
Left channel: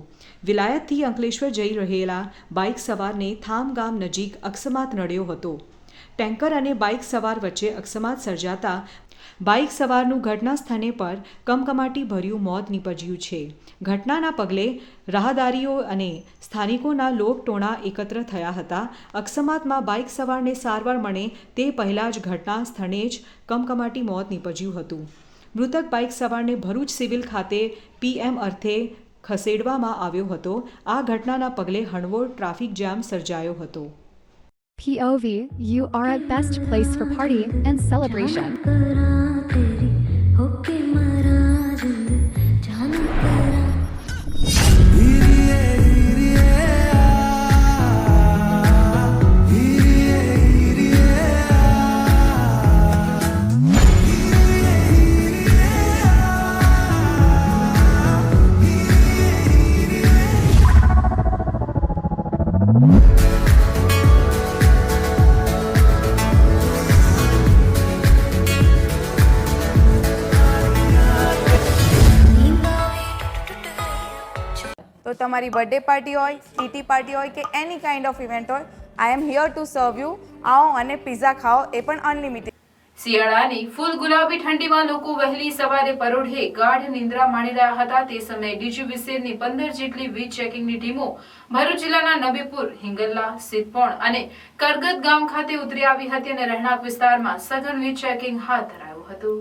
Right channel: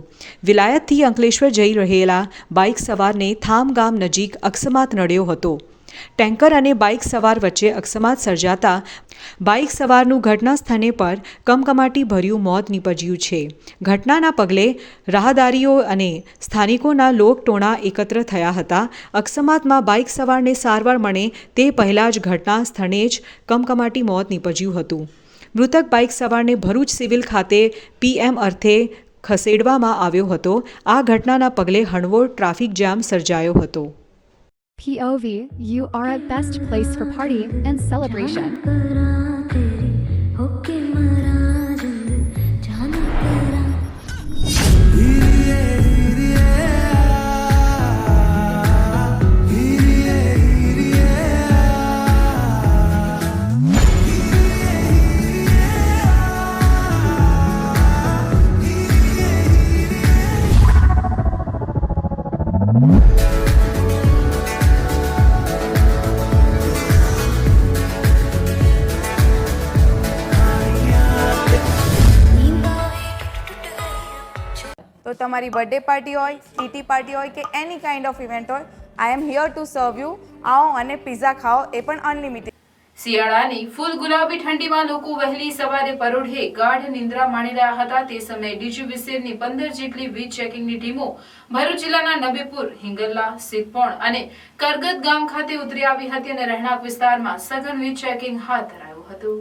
વિલાયતથી અંકલેશ્વર જઈ રહેલા બાઇક સવારને થામ ગામ નજીક અકસ્માત નડ્યો હતો. ટેન્કર અને બાઇક સવાર વચ્ચે અકસ્માત સર્જાતા બાઇક સવારનું ઘટના સ્થળે પર કમકમાટી ભર્યું મોત નીપજ્યું છે. ઘટનાના પગલે રાહદારીઓ અને સ્થાનિકોના લોકટોણા એકત્ર થયા હતા. અકસ્માતમાં બાઇક સવારને સારવાર મળે તે પહેલાં જ ઘટના સ્થળે જ કમકમાટી મોત નીપજ્યું હતું. મૃતક બાઇક સવારને ભરૂચ સિવિલ ખાતે PM અર્થે ખસેડવામાં આવ્યો હતો. આ ઘટનાના પગલે હળવો ટ્રાફિક જામ સર્જાયો હતો. POV, you are at best place for party and celebration. તો તમારી બર્થડે પાર્ટી હોય, ટીટી પાર્ટી હોય કે એની કાઇન્ડ ઓફ ઇવેન્ટ હોય, I am here to serve you. આવો અને પિઝા ખાઓ, એ પણ અનલિમિટેડ. શિયાળાની ફૂલ ગુલાબી ઠંડીમાં લોકો વહેલી સવારે પરોઢે ગાઢ નિંદ્રા માણી રહ્યા હતા. તે સમયે DGVCLની 15 જેટલી વીજ ચેકિંગની ટીમો ભરૂચ જિલ્લાના નબીપુર, હિંગલ્લા, સિદ્ધપોણ અને કરગત ગામ ખાતે ઉતરી આવી હતી અને રહેણાંક વિસ્તારમાં સઘન વીજ ચેકિંગ હાથ ધરાયું હતું.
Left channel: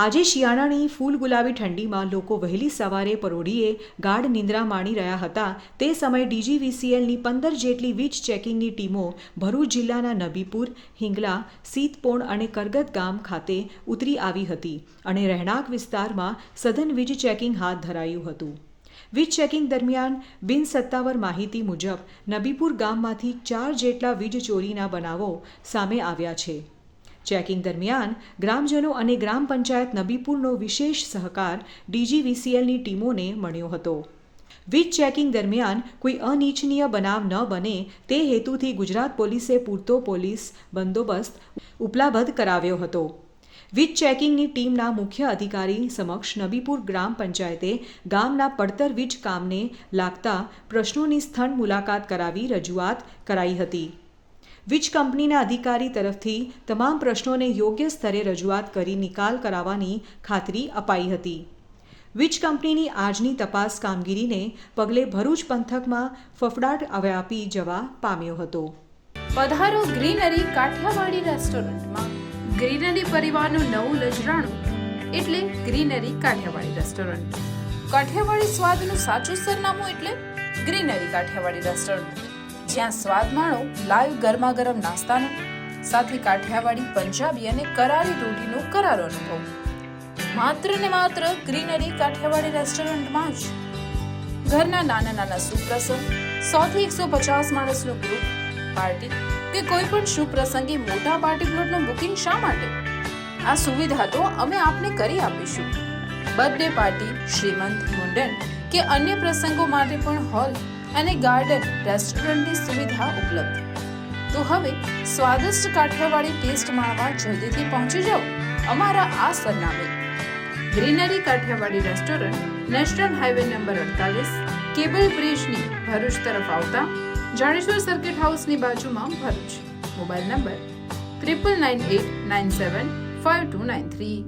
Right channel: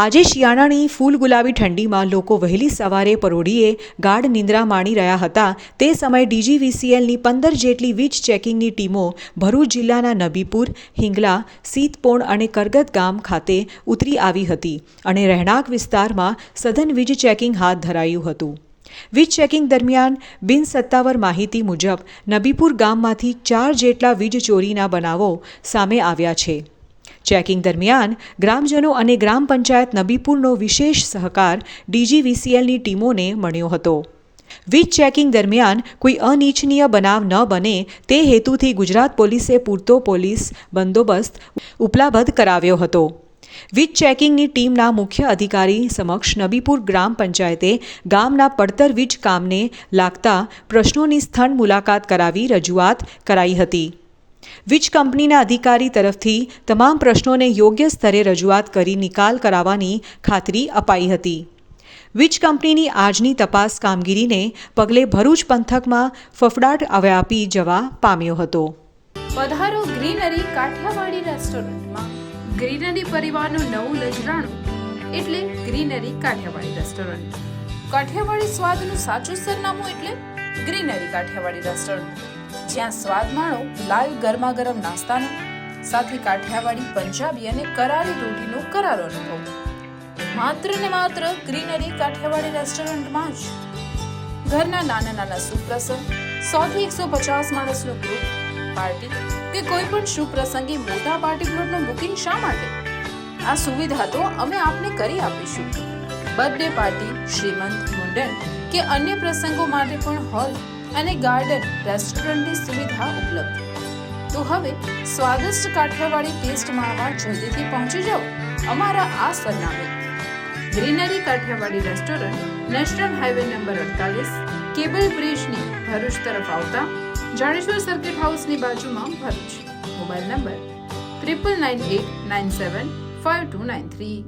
આજે શિયાળાની ફૂલ ગુલાબી ઠંડીમાં લોકો વહેલી સવારે પરોઢીએ ગાઢ નિંદ્રા માણી રહ્યા હતા. તે સમયે DGVCLની 15 જેટલી વીજ ચેકિંગની ટીમો ભરૂચ જિલ્લાના નબીપુર, હિંગલા, સિદ્ધપોણ અને કરગત ગામ ખાતે ઉતરી આવી હતી અને રહેણાંક વિસ્તારમાં સઘન વીજ ચેકિંગ હાથ ધરાયું હતું. વીજ ચેકિંગ દરમિયાન બિનસત્તાવાર માહિતી મુજબ નબીપુર ગામમાંથી 4 જેટલા વીજ ચોરીના બનાવો સામે આવ્યા છે. ચેકિંગ દરમિયાન ગ્રામજનો અને ગ્રામ પંચાયત નબીપુરનો વિશેષ સહકાર DGVCLની ટીમોને મળ્યો હતો. વીજ ચેકિંગ દરમિયાન કોઈ અનિચ્છનીય બનાવ ન બને તે હેતુથી ગુજરાત પોલીસે પૂરતો પોલીસ બંદોબસ્ત ઉપલબ્ધ કરાવ્યો હતો. વીજ ચેકિંગની ટીમના મુખ્ય અધિકારી સમક્ષ નબીપુર ગ્રામ પંચાયતે ગામના પડતર વીજ કામને લાગતા પ્રશ્નોની સ્થળ મુલાકાત કરાવી રજૂઆત કરાઈ હતી. વીજ કંપનીના અધિકારી તરફથી તમામ પ્રશ્નોને યોગ્ય સ્તરે રજૂઆત કરી નિકાલ કરાવવાની ખાતરી અપાઈ હતી. વીજ કંપનીની આજની તપાસ કામગીરીને પગલે ભરૂચ પંથકમાં ફફડાટ વ્યાપી જવા પામ્યો હતો. પધારો ગ્રીનરી કાઠિયાવાડી રેસ્ટોરન્ટમાં. ગ્રીનરી પરિવારનું નવું લજરાણું એટલે ગ્રીનરી કાઠિયાવાડી રેસ્ટોરન્ટ. કાઠિયાવાડી સ્વાદનું સાચું સરનામું એટલે ગ્રીનરી કાઠિયાવાડી રેસ્ટોરન્ટ, જ્યાં સ્વાદ માણો લાઈવ ગરમા ગરમ નાસ્તાનો, સાથે કાઠિયાવાડી, પંજાબી અને કરારી રોટીનો કરારો અનુભવ. માત્ર ને માત્ર ગ્રીનરી કાઠિયાવાડી રેસ્ટોરન્ટમાં જ. ઘરના નાના નાના સુપ્રસંગ, 100 થી 150 માણસનું ગ્રુપ, પાર્ટી કે કોઈ પણ શુભ પ્રસંગે મોટા પાર્ટી પ્લોટનું બુકિંગ શા માટે? આ સુવિધા તો અમે આપને કરી આપીશું. બર્થડે પાર્ટી, શ્રીમંત, મુંડન કે અન્ય પ્રસંગો માટે પણ હોલ અને ગાર્ડન રેસ્ટોરન્ટની સુવિધા ઉપલબ્ધ. તો હવે સ્વાદિષ્ટ કાઠિયાવાડી ટેસ્ટ માણવા જલ્દીથી પહોંચી જાઓ અમારા આ સરનામે. Greenery Kathiyawadi restaurant, national highway number 48, cable બ્રિજની ભરૂચ તરફ આવતા જાડેશ્વર સર્કિટ હાઉસની બાજુમાં, ભરૂચ. Mobile number 9989752293.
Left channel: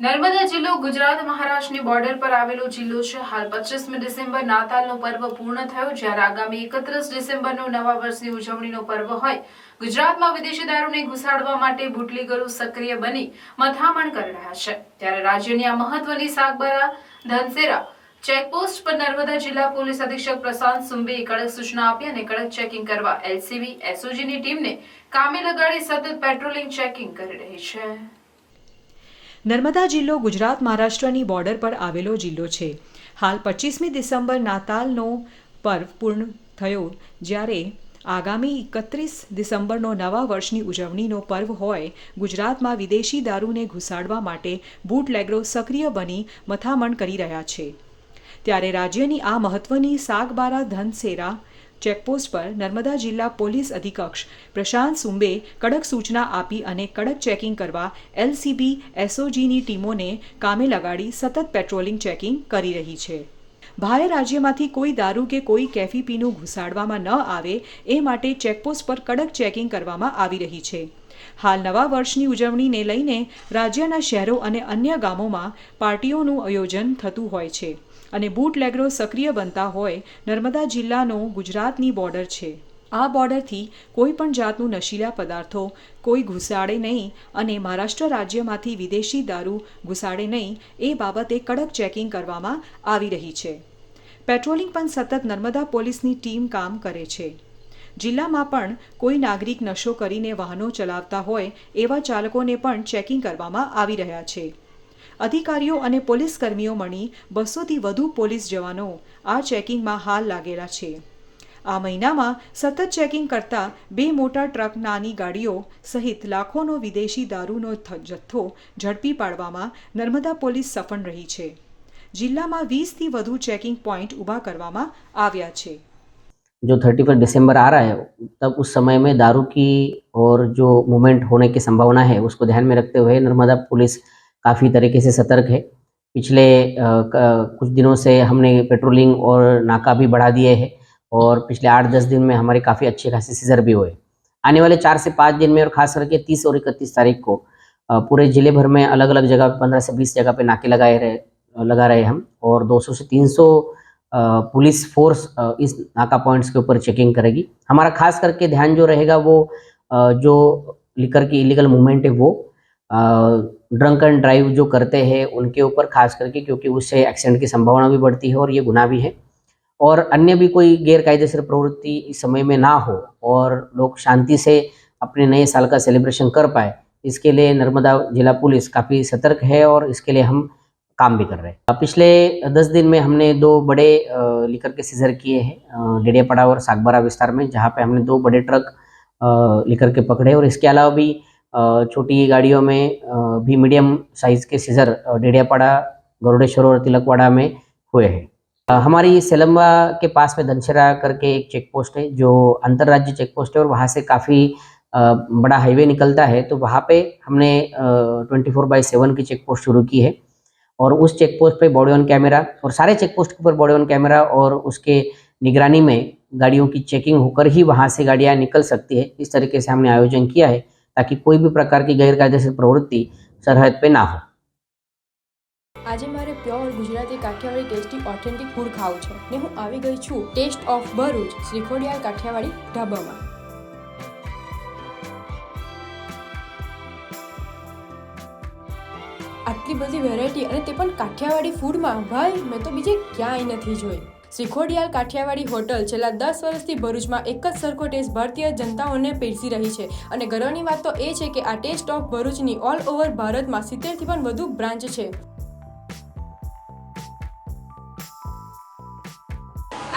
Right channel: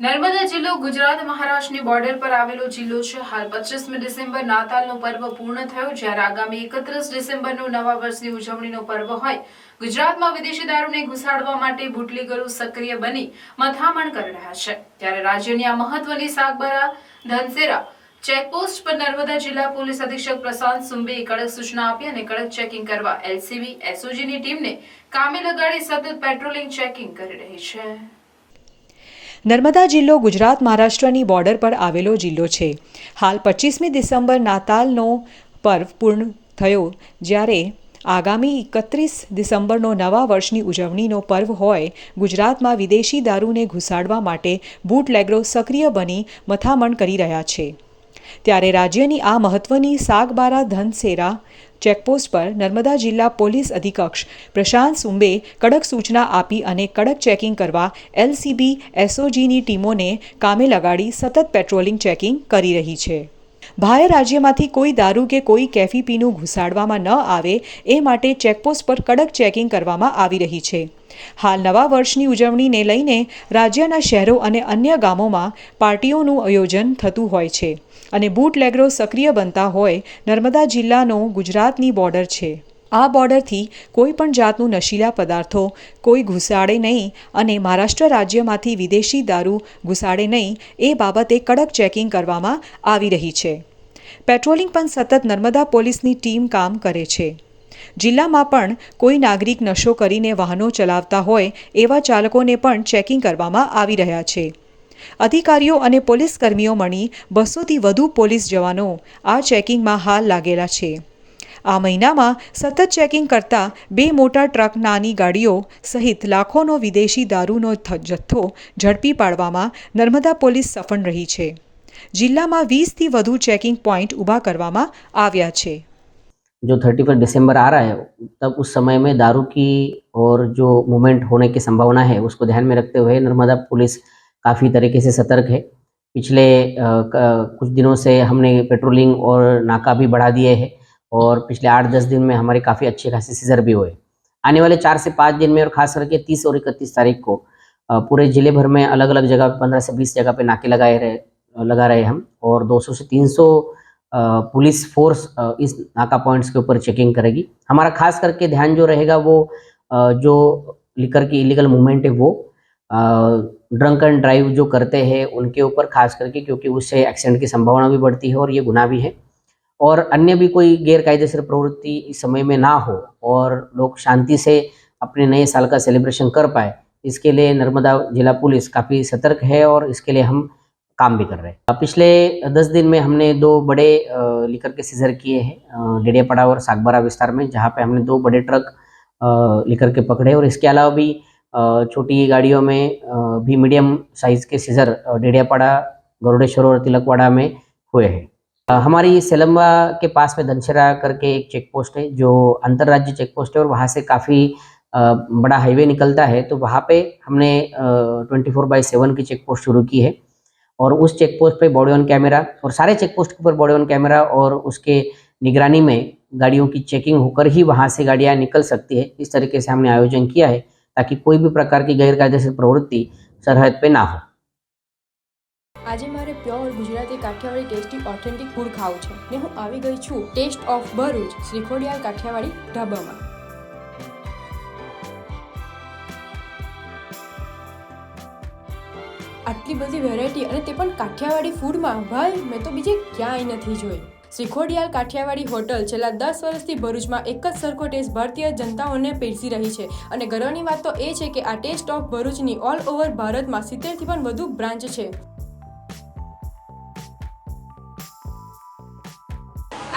નર્મદા જિલ્લો ગુજરાત મહારાષ્ટ્રની બોર્ડર પર આવેલો જિલ્લો છે. હાલ 25મી ડિસેમ્બર નાતાલનો પર્વ પૂર્ણ થયો, જ્યારે આગામી 31 ડિસેમ્બરનો નવા વર્ષની ઉજવણીનો પર્વ હોય. ગુજરાતમાં વિદેશી દારૂને ઘુસાડવા માટે બુટલેગરો સક્રિય બની મથામણ કરી રહ્યા છે. ત્યારે રાજ્યની આ મહત્વની સાગબારા ધનસેરા ચેકપોસ્ટ પર નર્મદા જિલ્લા પોલીસ અધિક્ષક પ્રશાંત સુંબેએ કડક સૂચના આપી અને કડક ચેકિંગ કરવા એલસીબી એસઓજીની ટીમને કામે લગાડી સતત પેટ્રોલિંગ ચેકિંગ કરી રહી છે. નર્મદા જિલ્લો ગુજરાત મહારાષ્ટ્રની બોર્ડર પર આવેલો જિલ્લો છે. હાલ 25મી ડિસેમ્બર નાતાલનો પર્વ પૂર્ણ થયો, જ્યારે આગામી 31 ડિસેમ્બરનો નવા વર્ષની ઉજવણીનો પર્વ હોય. ગુજરાતમાં વિદેશી દારૂને ઘુસાડવા માટે બુટલેગરો સક્રિય બની મથામણ કરી રહ્યા છે. ત્યારે રાજ્યની આ મહત્વની સાગબારા ધનસેરા ચેકપોસ્ટ પર નર્મદા જિલ્લા પોલીસ અધિક્ષક પ્રશાંત સુંબે કડક સૂચના આપી અને કડક ચેકિંગ કરવા એલસીબી એસઓજીની ટીમોને કામે લગાડી સતત પેટ્રોલિંગ ચેકિંગ કરી રહી છે. બહાર રાજ્યમાંથી કોઈ દારૂ કે કોઈ કેફી પીણું ઘુસાડવામાં ન આવે એ માટે ચેકપોસ્ટ પર કડક ચેકિંગ કરવામાં આવી રહી છે. હાલ નવા વર્ષની ઉજવણીને લઈને રાજ્યના શહેરો અને અન્ય ગામોમાં પાર્ટીઓનું આયોજન થતું હોય છે અને બુટલેગરો સક્રિય બનતા હોય. નર્મદા જિલ્લાનો ગુજરાતની બોર્ડર છે. આ બોર્ડરથી કોઈ પણ જાતનું નશીલા પદાર્થો કોઈ ઘુસાડે નહીં અને મહારાષ્ટ્ર રાજ્યમાંથી વિદેશી દારૂ ઘુસાડે નહીં એ બાબતે કડક ચેકિંગ કરવામાં આવી રહી છે. પેટ્રોલિંગ પણ સતત નર્મદા પોલીસની ટીમ કામ કરે છે. જિલ્લામાં પણ કોઈ નાગરિક નશો કરીને વાહનો ચલાવતા હોય એવા ચાલકોને પણ ચેકિંગ કરવામાં આવી રહ્યા છે. અધિકારીઓ અને પોલીસ કર્મીઓ મળી 200થી વધુ પોલીસ જવાનો આ ચેકિંગમાં હાલ લાગેલા છે. આ મહિનામાં સતત ચેકિંગ કરતા 2 મોટા ટ્રક, નાની ગાડીઓ સહિત લાખોનો વિદેશી દારૂનો જથ્થો ઝડપી પાડવામાં નર્મદા પોલીસ સફળ રહી છે. જિલ્લામાં 20થી વધુ ચેકિંગ પોઈન્ટ ઊભા કરવામાં આવ્યા છે. जो 31 दिसंबर आ रहा है, तब उस समय में दारू की और जो मूवमेंट होने की संभावना है उसको ध्यान में रखते हुए नर्मदा पुलिस काफ़ी तरीके से सतर्क है. पिछले कुछ दिनों से हमने पेट्रोलिंग और नाका भी बढ़ा दिए हैं और पिछले 8-10 दिन में हमारे काफ़ी अच्छे खासे सीजर भी हुए. आने वाले 4 से 5 दिन में और खास करके 30 और 31 तारीख को पूरे ज़िले भर में अलग अलग जगह 15 से 20 जगह पे नाके लगा रहे हम और 200 से 300 पुलिस फोर्स इस नाका पॉइंट्स के ऊपर चेकिंग करेगी. हमारा खास करके ध्यान जो रहेगा वो जो लिकर की इलीगल मूवमेंट है वो ड्रंक एंड ड्राइव जो करते हैं उनके ऊपर खास करके, क्योंकि उससे एक्सीडेंट की संभावना भी बढ़ती है और ये गुनाह भी है. और अन्य भी कोई गैरकायदेसर प्रवृत्ति इस समय में ना हो और लोग शांति से अपने नए साल का सेलिब्रेशन कर पाए, इसके लिए नर्मदा जिला पुलिस काफ़ी सतर्क है और इसके लिए हम काम भी कर रहे हैं. पिछले 10 दिन में हमने 2 बड़े लिकर के सीजर किए हैं डेडियापाड़ा और सागबारा विस्तार में, जहाँ पे हमने 2 बड़े ट्रक लिकर के पकड़े और इसके अलावा भी छोटी गाड़ियों में भी मीडियम साइज़ के सीजर डेडियापाड़ा, गरुड़ेश्वर और तिलकवाड़ा में हुए हैं. हमारी सेलम्बा के पास में धनसेरा करके एक चेक पोस्ट है जो अंतर्राज्य चेक पोस्ट है और वहाँ से काफ़ी बड़ा हाईवे निकलता है, तो वहाँ पे हमने 24/7 की चेक पोस्ट शुरू की है और उस चेक पोस्ट पे बॉडी ऑन कैमरा और सारे चेक पोस्ट के ऊपर बॉडी ऑन कैमरा और उसके निगरानी में गाड़ियों की चेकिंग होकर ही वहाँ से गाड़ियाँ निकल सकती है। इस तरीके से हमने आयोजन किया है ताकि कोई भी प्रकार की गैरकायदेसर प्रवृत्ति सरहद पे ना हो। આજે મારે pure Gujarati Kathiyawadi tasty authentic food ખાવું છે ને હું આવી ગઈ છું ટેસ્ટ ઓફ ભરૂચ શ્રીખોડિયાર કાઠિયાવાડી ઢાબામાં। આટલી બધી વેરાયટી અને તે પણ કાઠિયાવાડી ફૂડમાં, ભાઈ મેં તો બીજે ક્યાંય નથી જોઈ। શ્રીખોડિયાર કાઠિયાવાડી હોટલ છેલ્લા 10 વર્ષથી ભરૂચમાં એક જ સરખો ટેસ્ટ ભારતીય જનતાઓને પીરસી રહી છે અને ગર્વની વાત તો એ છે કે આ ટેસ્ટ ઓફ ભરૂચની ઓલ ઓવર ભારતમાં 70થી પણ વધુ બ્રાન્ચ છે।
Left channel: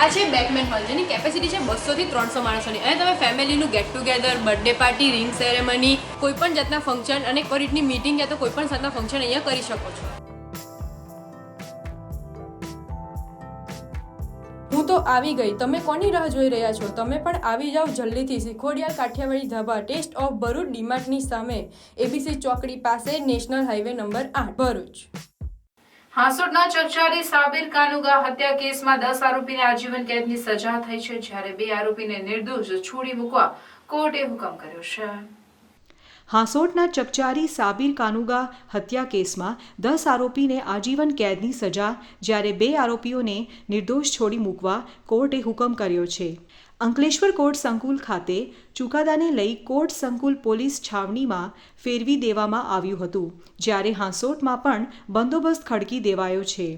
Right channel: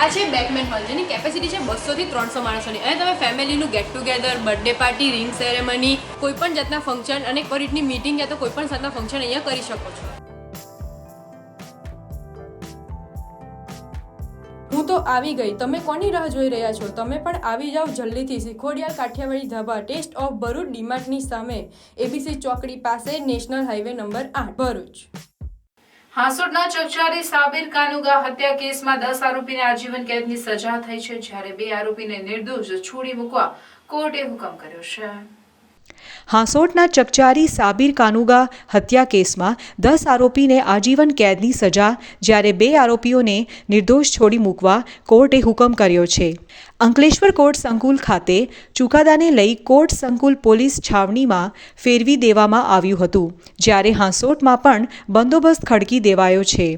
આ છે બેકમેન હોલ જેની કેપેસિટી છે 200 થી 300 માણસોની અને તમે ફેમિલીનું get together, birthday party, ring ceremony, કોઈપણ જાતના ફંક્શન અને એક રીતની મીટિંગ યા તો કોઈપણ જાતના ફંક્શન અહીંયા કરી શકો છો। હું તો આવી ગઈ, તમે કોની રાહ જોઈ રહ્યા છો? તમે પણ આવી જાઓ જલ્દીથી શ્રીખોડિયાર કાઠિયાવાડી ધાબા ટેસ્ટ ઓફ ભરૂચ ડીમાર્ટની સામે એબીસી ચોકડી પાસે નેશનલ હાઈવે નંબર 8 ભરૂચ। હાંસોટના ચકચારી સાબિર કાનુગા હત્યા કેસમાં 10 આરોપીને આજીવન કેદની સજા થઈ છે, જ્યારે 2 આરોપીને નિર્દોષ છોડી મૂકવા કોર્ટે હુકમ કર્યો છે। હાંસોટના ચકચારી સાબિર કાનુગા હત્યા કેસમાં 10 આરોપીને આજીવન કેદની સજા, જ્યારે 2 આરોપીઓને નિર્દોષ છોડી મૂકવા કોર્ટે હુકમ કર્યો છે। અંકલેશ્વર કોર્ટ સંકુલ ખાતે ચુકાદાને લઈ કોર્ટ સંકુલ પોલીસ છાવણીમાં ફેરવી દેવામાં આવ્યું હતું, જ્યારે હાંસોટમાં પણ બંદોબસ્ત ખડકી દેવાયો છે।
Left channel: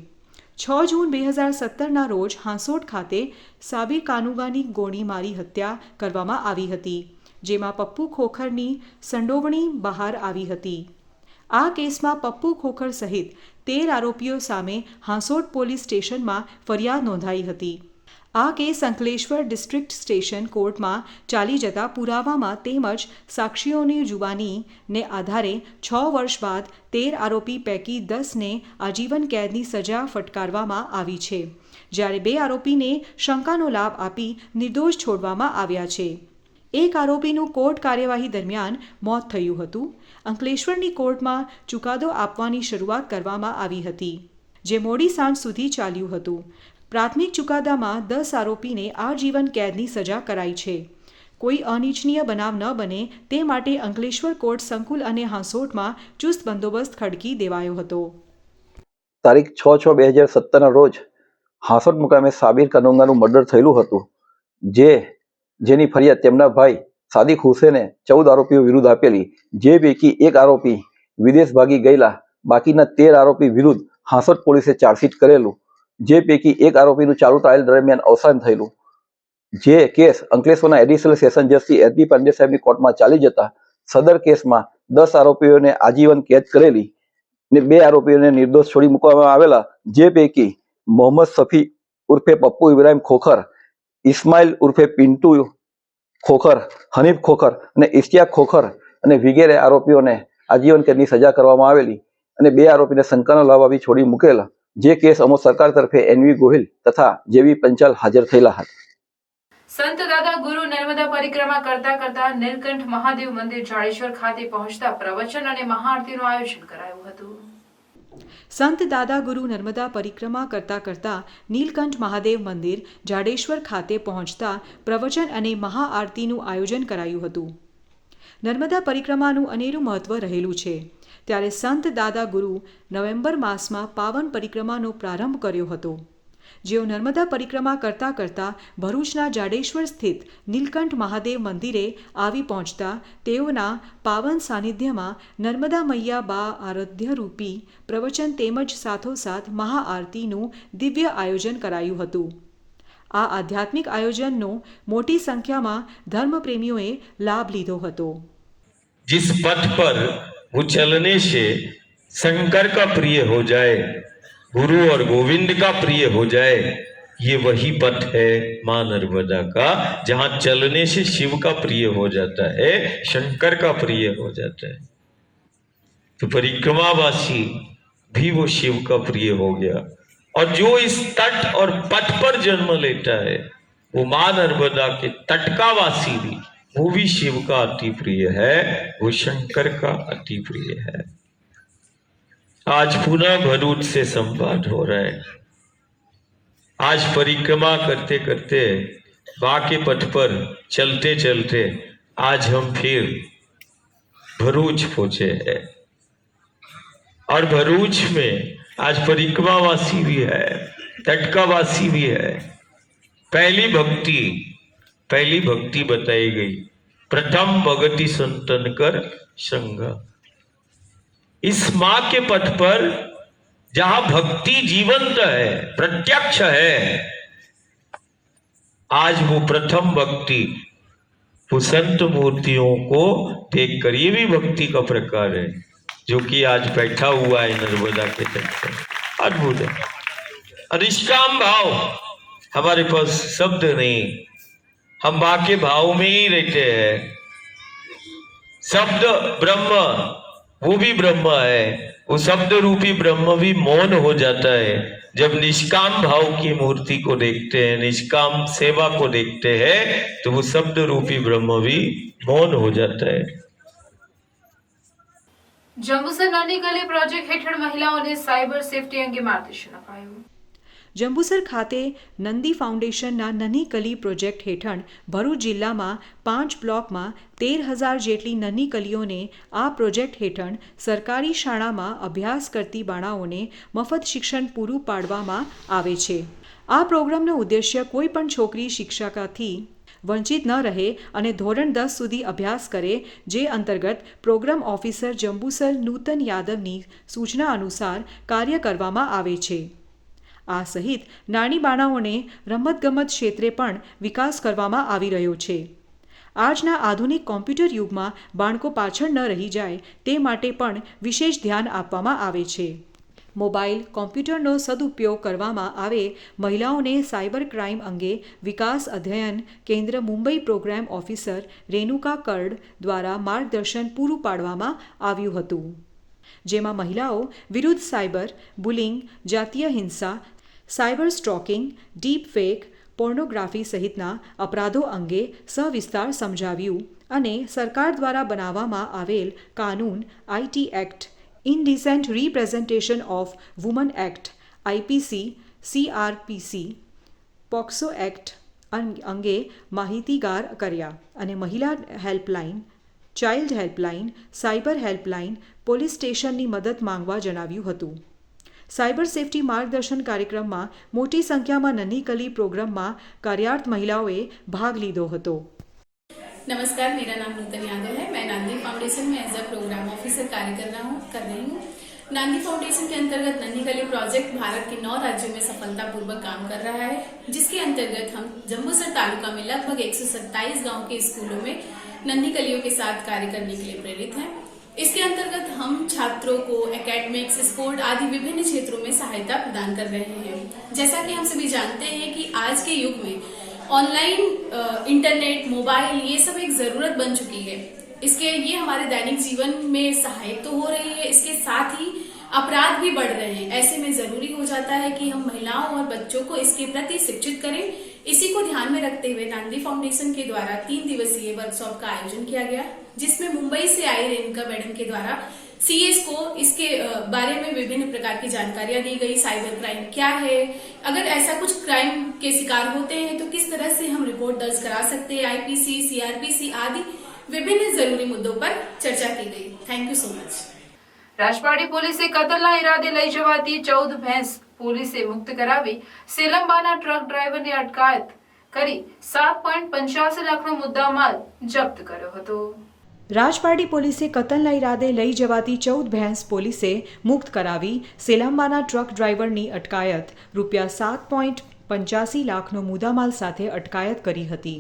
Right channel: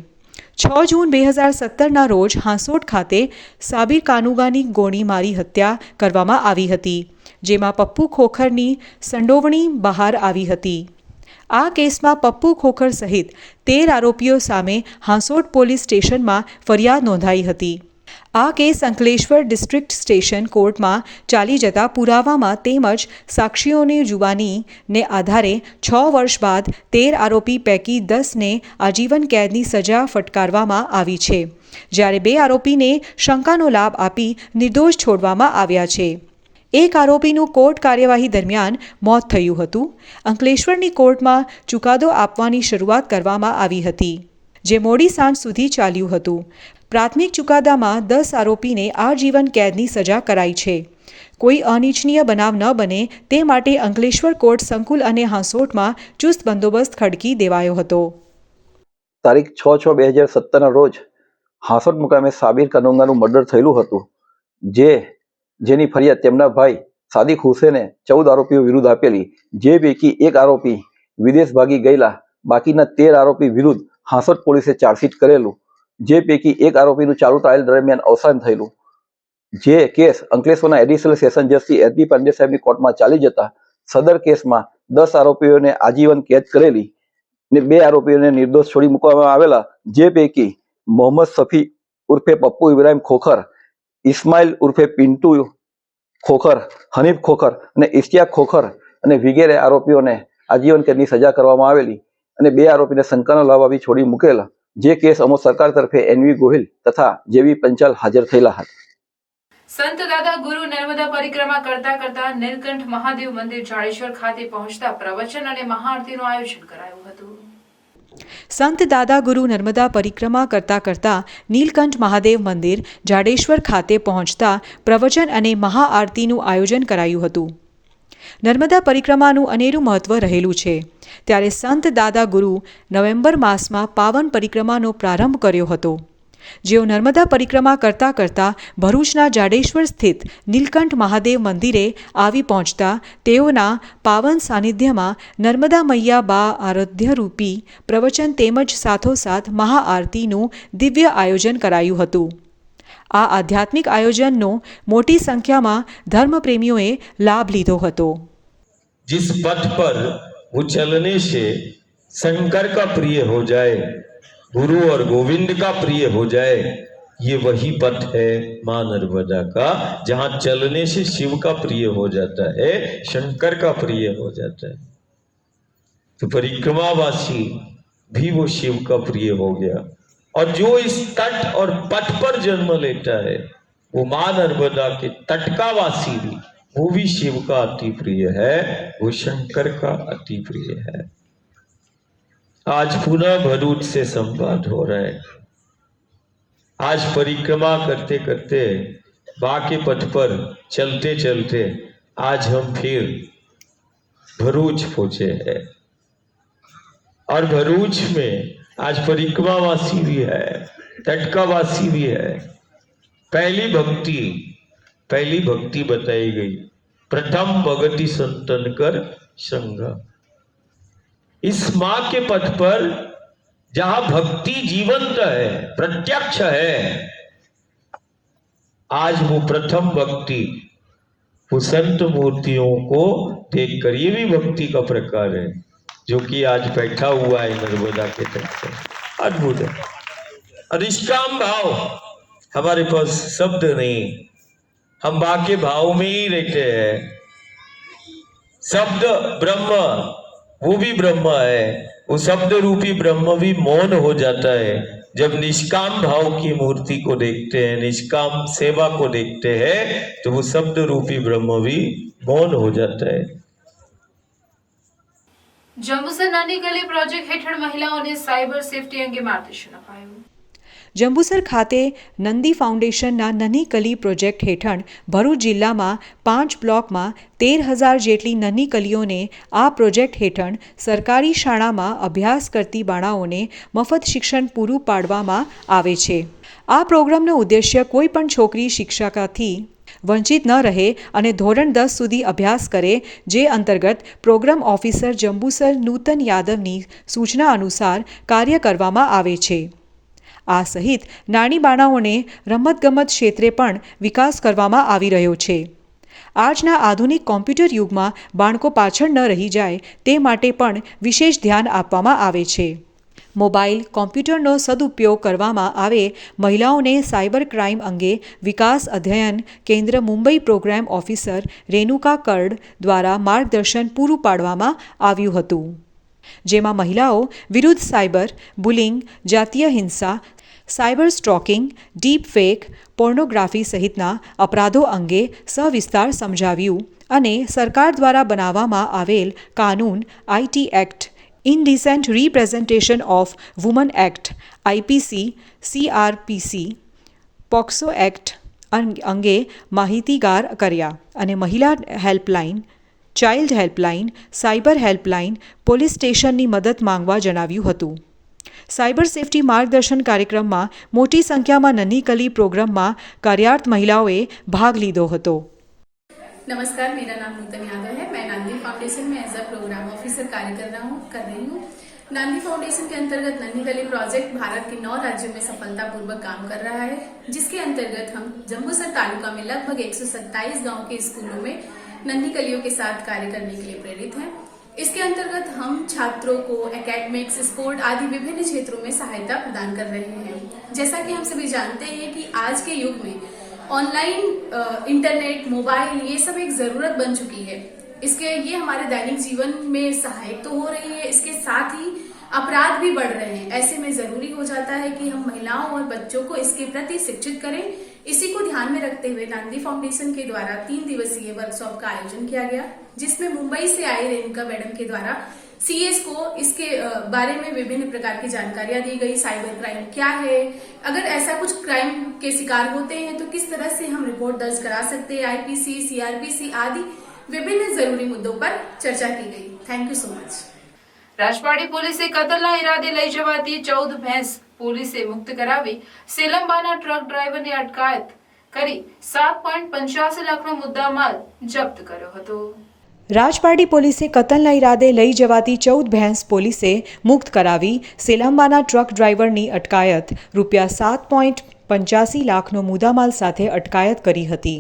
6 જૂન 2017ના રોજ હાંસોટ ખાતે સાબિર કાનુગાની ગોળી મારી હત્યા કરવામાં આવી હતી, જેમાં પપ્પુ ખોખરની સંડોવણી બહાર આવી હતી। આ કેસમાં પપ્પુ ખોખર સહિત 13 આરોપીઓ સામે હાંસોટ પોલીસ સ્ટેશનમાં ફરિયાદ નોંધાઈ હતી। આ કેસ અંકલેશ્વર ડિસ્ટ્રિક્ટ સ્ટેશન કોર્ટમાં ચાલી જતા પુરાવામાં તેમજ સાક્ષીઓની જુબાનીને આધારે 6 વર્ષ બાદ 13 આરોપી પૈકી 10ને આજીવન કેદની સજા ફટકારવામાં આવી છે, જ્યારે 2 આરોપીને શંકાનો લાભ આપી નિર્દોષ છોડવામાં આવ્યા છે। એક આરોપીનું કોર્ટ કાર્યવાહી દરમિયાન મોત થયું હતું। અંકલેશ્વરની કોર્ટમાં ચુકાદો આપવાની શરૂઆત કરવામાં આવી હતી, જે મોડી સાંજ સુધી ચાલ્યું હતું। પ્રાથમિક ચુકાદામાં 10 આરોપીને આજીવન કેદની સજા કરાઈ છે। કોઈ અનિચ્છનીય બનાવ ન બને તે માટે અંકલેશ્વર કોર્ટ સંકુલ અને હાંસોટમાં ચુસ્ત બંદોબસ્ત ખડકી દેવાયો હતો। તારીખ 6/6/2017ના રોજ હાંસોટ મુકામે સાબિર કાનુગાનું મર્ડર થયેલું હતું, જેની ફરિયાદ તેમના ભાઈ સાદિક હુસેને 14 આરોપીઓ વિરુદ્ધ આપેલી, જે પૈકી એક આરોપી વિદેશ ભાગી ગયેલા, બાકીના 13 આરોપી વિરુદ્ધ હાંસોટ પોલીસે ચાર્જશીટ કરેલું, જે પૈકી એક આરોપીનું ચાલુ ટ્રાયલ દરમિયાન અવસાન થયેલું। જે કેસ અંકલેશ્વરના એડિશનલ સેશન જજ શ્રી એસ બી પાંડે સાહેબની કોર્ટમાં ચાલી જતા સદર કેસમાં 10 આરોપીઓને આજીવન કેદ કરેલી ને 2 આરોપીઓને નિર્દોષ છોડી મૂકવામાં આવેલા, જે પૈકી મોહમ્મદ સફી ઉર્ફે પપ્પુ ઇબ્રાહિમ ખોખર, ઇસ્માઇલ ઉર્ફે પિન્ટુ ખોખર, હનીફ ખોખર અને ઇશ્તિયાક ખોખર અને વગેરે આરોપીઓને આજીવન કેદની સજા કરવામાં આવેલી અને 2 આરોપીને શંકાનો લાભ આપી છોડી મૂકેલા। જે કેસ અમો સરકાર તરફે એનવી ગોહિલ તથા જેવી પંચાલ હાજર થયેલા હતા। સંત દાદા ગુરુ નર્મદા પરિક્રમા કરતા કરતા નીલકંઠ મહાદેવ મંદિર જાડેશ્વર ખાતે પહોંચતા પ્રવચન અને મહાઆરતીનું આયોજન કરાયું હતું। સંત દાદા ગુરુ નર્મદા પરિક્રમા કરતા કરતા નીલકંઠ મહાદેવ મંદિર જાડેશ્વર ખાતે પહોંચતા પ્રવચન અને મહાઆરતીનું આયોજન કરાયું હતું। નર્મદા પરિક્રમાનું અનેરું મહત્વ રહેલું છે, ત્યારે સંત દાદા ગુરુ નવેમ્બર માસમાં પાવન પરિક્રમાનો પ્રારંભ કર્યો હતો, જેઓ નર્મદા પરિક્રમા કરતા કરતા ભરૂચના જાડેશ્વર સ્થિત નીલકંઠ મહાદેવ મંદિરે આવી પહોંચતા તેઓના પાવન સાનિધ્યમાં નર્મદા મૈયા બા આરાધ્યરૂપી પ્રવચન તેમજ સાથોસાથ મહાઆરતીનું દિવ્ય આયોજન કરાયું હતું। આ આધ્યાત્મિક આયોજનનો મોટી સંખ્યામાં ધર્મપ્રેમીઓએ લાભ લીધો હતો। जिस पथ पर वो चलने से शंकर का प्रिय हो जाए, गुरु और गोविंद का प्रिय हो जाए, ये वही पथ है मां नर्मदा का, जहां चलने से शिव का प्रिय हो जाता है, शंकर का प्रिय हो जाता है। तो परिक्रमावासी भी वो शिव का प्रिय हो गया, और जो इस तट और पथ पर जन्म लेता है वो मां नर्मदा के तट का वासी भी वो भी शिव का अति प्रिय है, वो शंकर का अति प्रिय है। आज पुनः भरूच से संवाद हो रहा है। आज परिक्रमा करते करते बाके पथ पर चलते चलते आज हम फिर भरूच पहुंचे हैं और भरूच में आज परिक्रमावासी भी है, टटकावासी भी है। पहली भक्ति बताई गई, प्रथम भगति संतन कर संग। इस मां के पथ पर जहां भक्ति जीवंत है, प्रत्यक्ष है, आज वो प्रथम भक्ति वो संत मूर्तियों को देखकर, ये भी भक्ति का प्रकार है जो कि आज बैठा हुआ है नर्मदा के तट पर। अद्भुत है। और निष्काम भाव, हमारे पास शब्द नहीं, हम बाके भाव में ही रहते हैं। शब्द ब्रह्म, वो भी ब्रह्म है, वो शब्द रूपी ब्रह्म भी मौन हो जाता है जब निष्काम भाव की मूर्ति को देखते हैं, निष्काम सेवा को देखते हैं, तो वो शब्द रूपी ब्रह्म भी मौन हो जाता है। જંબુસર નાની ગલી પ્રોજેક્ટ હેઠળ મહિલાઓને સાયબર સેફટી અંગે માર્ગદર્શન અપાયું. જંબુસર ખાતે નંદી ફાઉન્ડેશનના નની કલી પ્રોજેક્ટ હેઠળ ભરૂચ જિલ્લામાં 5 બ્લોકમાં 13,000 જેટલી નની કલીઓને આ પ્રોજેક્ટ હેઠળ સરકારી શાળામાં અભ્યાસ કરતી બાળાઓને મફત શિક્ષણ પૂરું પાડવામાં આવે છે. આ પ્રોગ્રામનો ઉદ્દેશ્ય કોઈપણ છોકરી શિક્ષાથી વંચિત ન રહે અને ધોરણ 10 સુધી અભ્યાસ કરે, જે અંતર્ગત પ્રોગ્રામ ઓફિસર જંબુસર નૂતન યાદવની સૂચના અનુસાર કાર્ય કરવામાં આવે છે. આ સહિત નાની બાળાઓને રમતગમત ક્ષેત્રે પણ વિકાસ કરવામાં આવી રહ્યો છે. આજના આધુનિક કોમ્પ્યુટર યુગમાં બાળકો પાછળ ન રહી જાય તે માટે પણ વિશેષ ધ્યાન આપવામાં આવે છે. મોબાઈલ કોમ્પ્યુટરનો સદુપયોગ કરવામાં આવે, મહિલાઓને સાયબર ક્રાઇમ અંગે વિકાસ અધ્યયન કેન્દ્ર મુંબઈ પ્રોગ્રામ ઓફિસર રેણુકા કર્ડ દ્વારા માર્ગદર્શન પૂરું પાડવામાં આવ્યું હતું, જેમાં મહિલાઓ વિરુદ્ધ સાયબર બુલિંગ, જાતીય હિંસા, cyber stocking, deep fake, pornography સહિતના અપરાધો અંગે સવિસ્તાર સમજાવ્યું અને સરકાર દ્વારા બનાવવામાં આવેલ કાનૂન IT act, indecent representation of woman act, IPC, CrPC, POCSO act અંગે માહિતીગાર કર્યા અને મહિલા helpline, child helpline, cyber helpline, police સ્ટેશનની મદદ માંગવા જણાવ્યું હતું. સાયબર સેફટી માર્ગદર્શન કાર્યક્રમમાં મોટી સંખ્યામાં નની કલી પ્રોગ્રામમાં કાર્યરત મહિલાઓએ ભાગ લીધો હતો. नमस्कार, मेरा नाम नूतन यादव है। मैं नांदी फाउंडेशन में एज अ प्रोग्राम ऑफिसर कार्य कर रही हूँ। नांदी फाउंडेशन के अंतर्गत नन्ही गली प्रोजेक्ट भारत के 9 राज्यों में सफलतापूर्वक काम कर रहा है, जिसके अंतर्गत हम जम्बूसर तालुका में लगभग 127 गांव के स्कूलों में नन्ही गलियों के साथ कार्य करने के लिए प्रेरित हैं। इसके अंतर्गत हम छात्रों को एकेडमिक्स, स्पोर्ट आदि विभिन्न क्षेत्रों में सहायता प्रदान कर रहे हैं। जैसा कि हम सभी जानते हैं कि आज के युग में ऑनलाइन इंटरनेट, मोबाइल, ये सब एक जरूरत बन चुकी है। ये हमारे दैनिक जीवन में सहायक तो हो रही है, इसके साथ ही अपराध भी बढ़ रहे हैं। ऐसे में जरूरी हो जाता है कि हम महिलाओं और बच्चों को इसके प्रति शिक्षित करें। इसी को ध्यान में रखते हुए नांदी फाउंडेशन के द्वारा 3 दिवसीय वर्कशॉप का आयोजन किया गया, जिसमें मुंबई से आई रेणुका मैडम के द्वारा सीएस को इसके बारे में विभिन्न प्रकार की जानकारियां दी गई। साइबर क्राइम क्या है, अगर ऐसा कुछ क्राइम के शिकार होते हैं तो किस तरह से हम रिपोर्ट दर्ज करा सकते हैं, आईपीसी, सीआरपीसी आदि विभिन्न जरूरी मुद्दों पर चर्चा की गई। Thank you so much. Rajpadi પોલીસે કતલના ઇરાદે લઈ જવાતી 14 ભેંસ પોલીસે મુક્ત કરાવી સેલંબાના ટ્રક ડ્રાઈવરની અટકાયત કરી 7.85 લાખનો મુદ્દામાલ જપ્ત કર્યો હતો. રાજપાડી પોલીસે કતલના ઇરાદે લઈ જવાતી 14 ભેંસ પોલીસે મુક્ત કરાવી સેલાંબાના ટ્રક ડ્રાઈવરની અટકાયત રૂપિયા 7.85 લાખનો મુદ્દામાલ સાથે અટકાયત કરી હતી.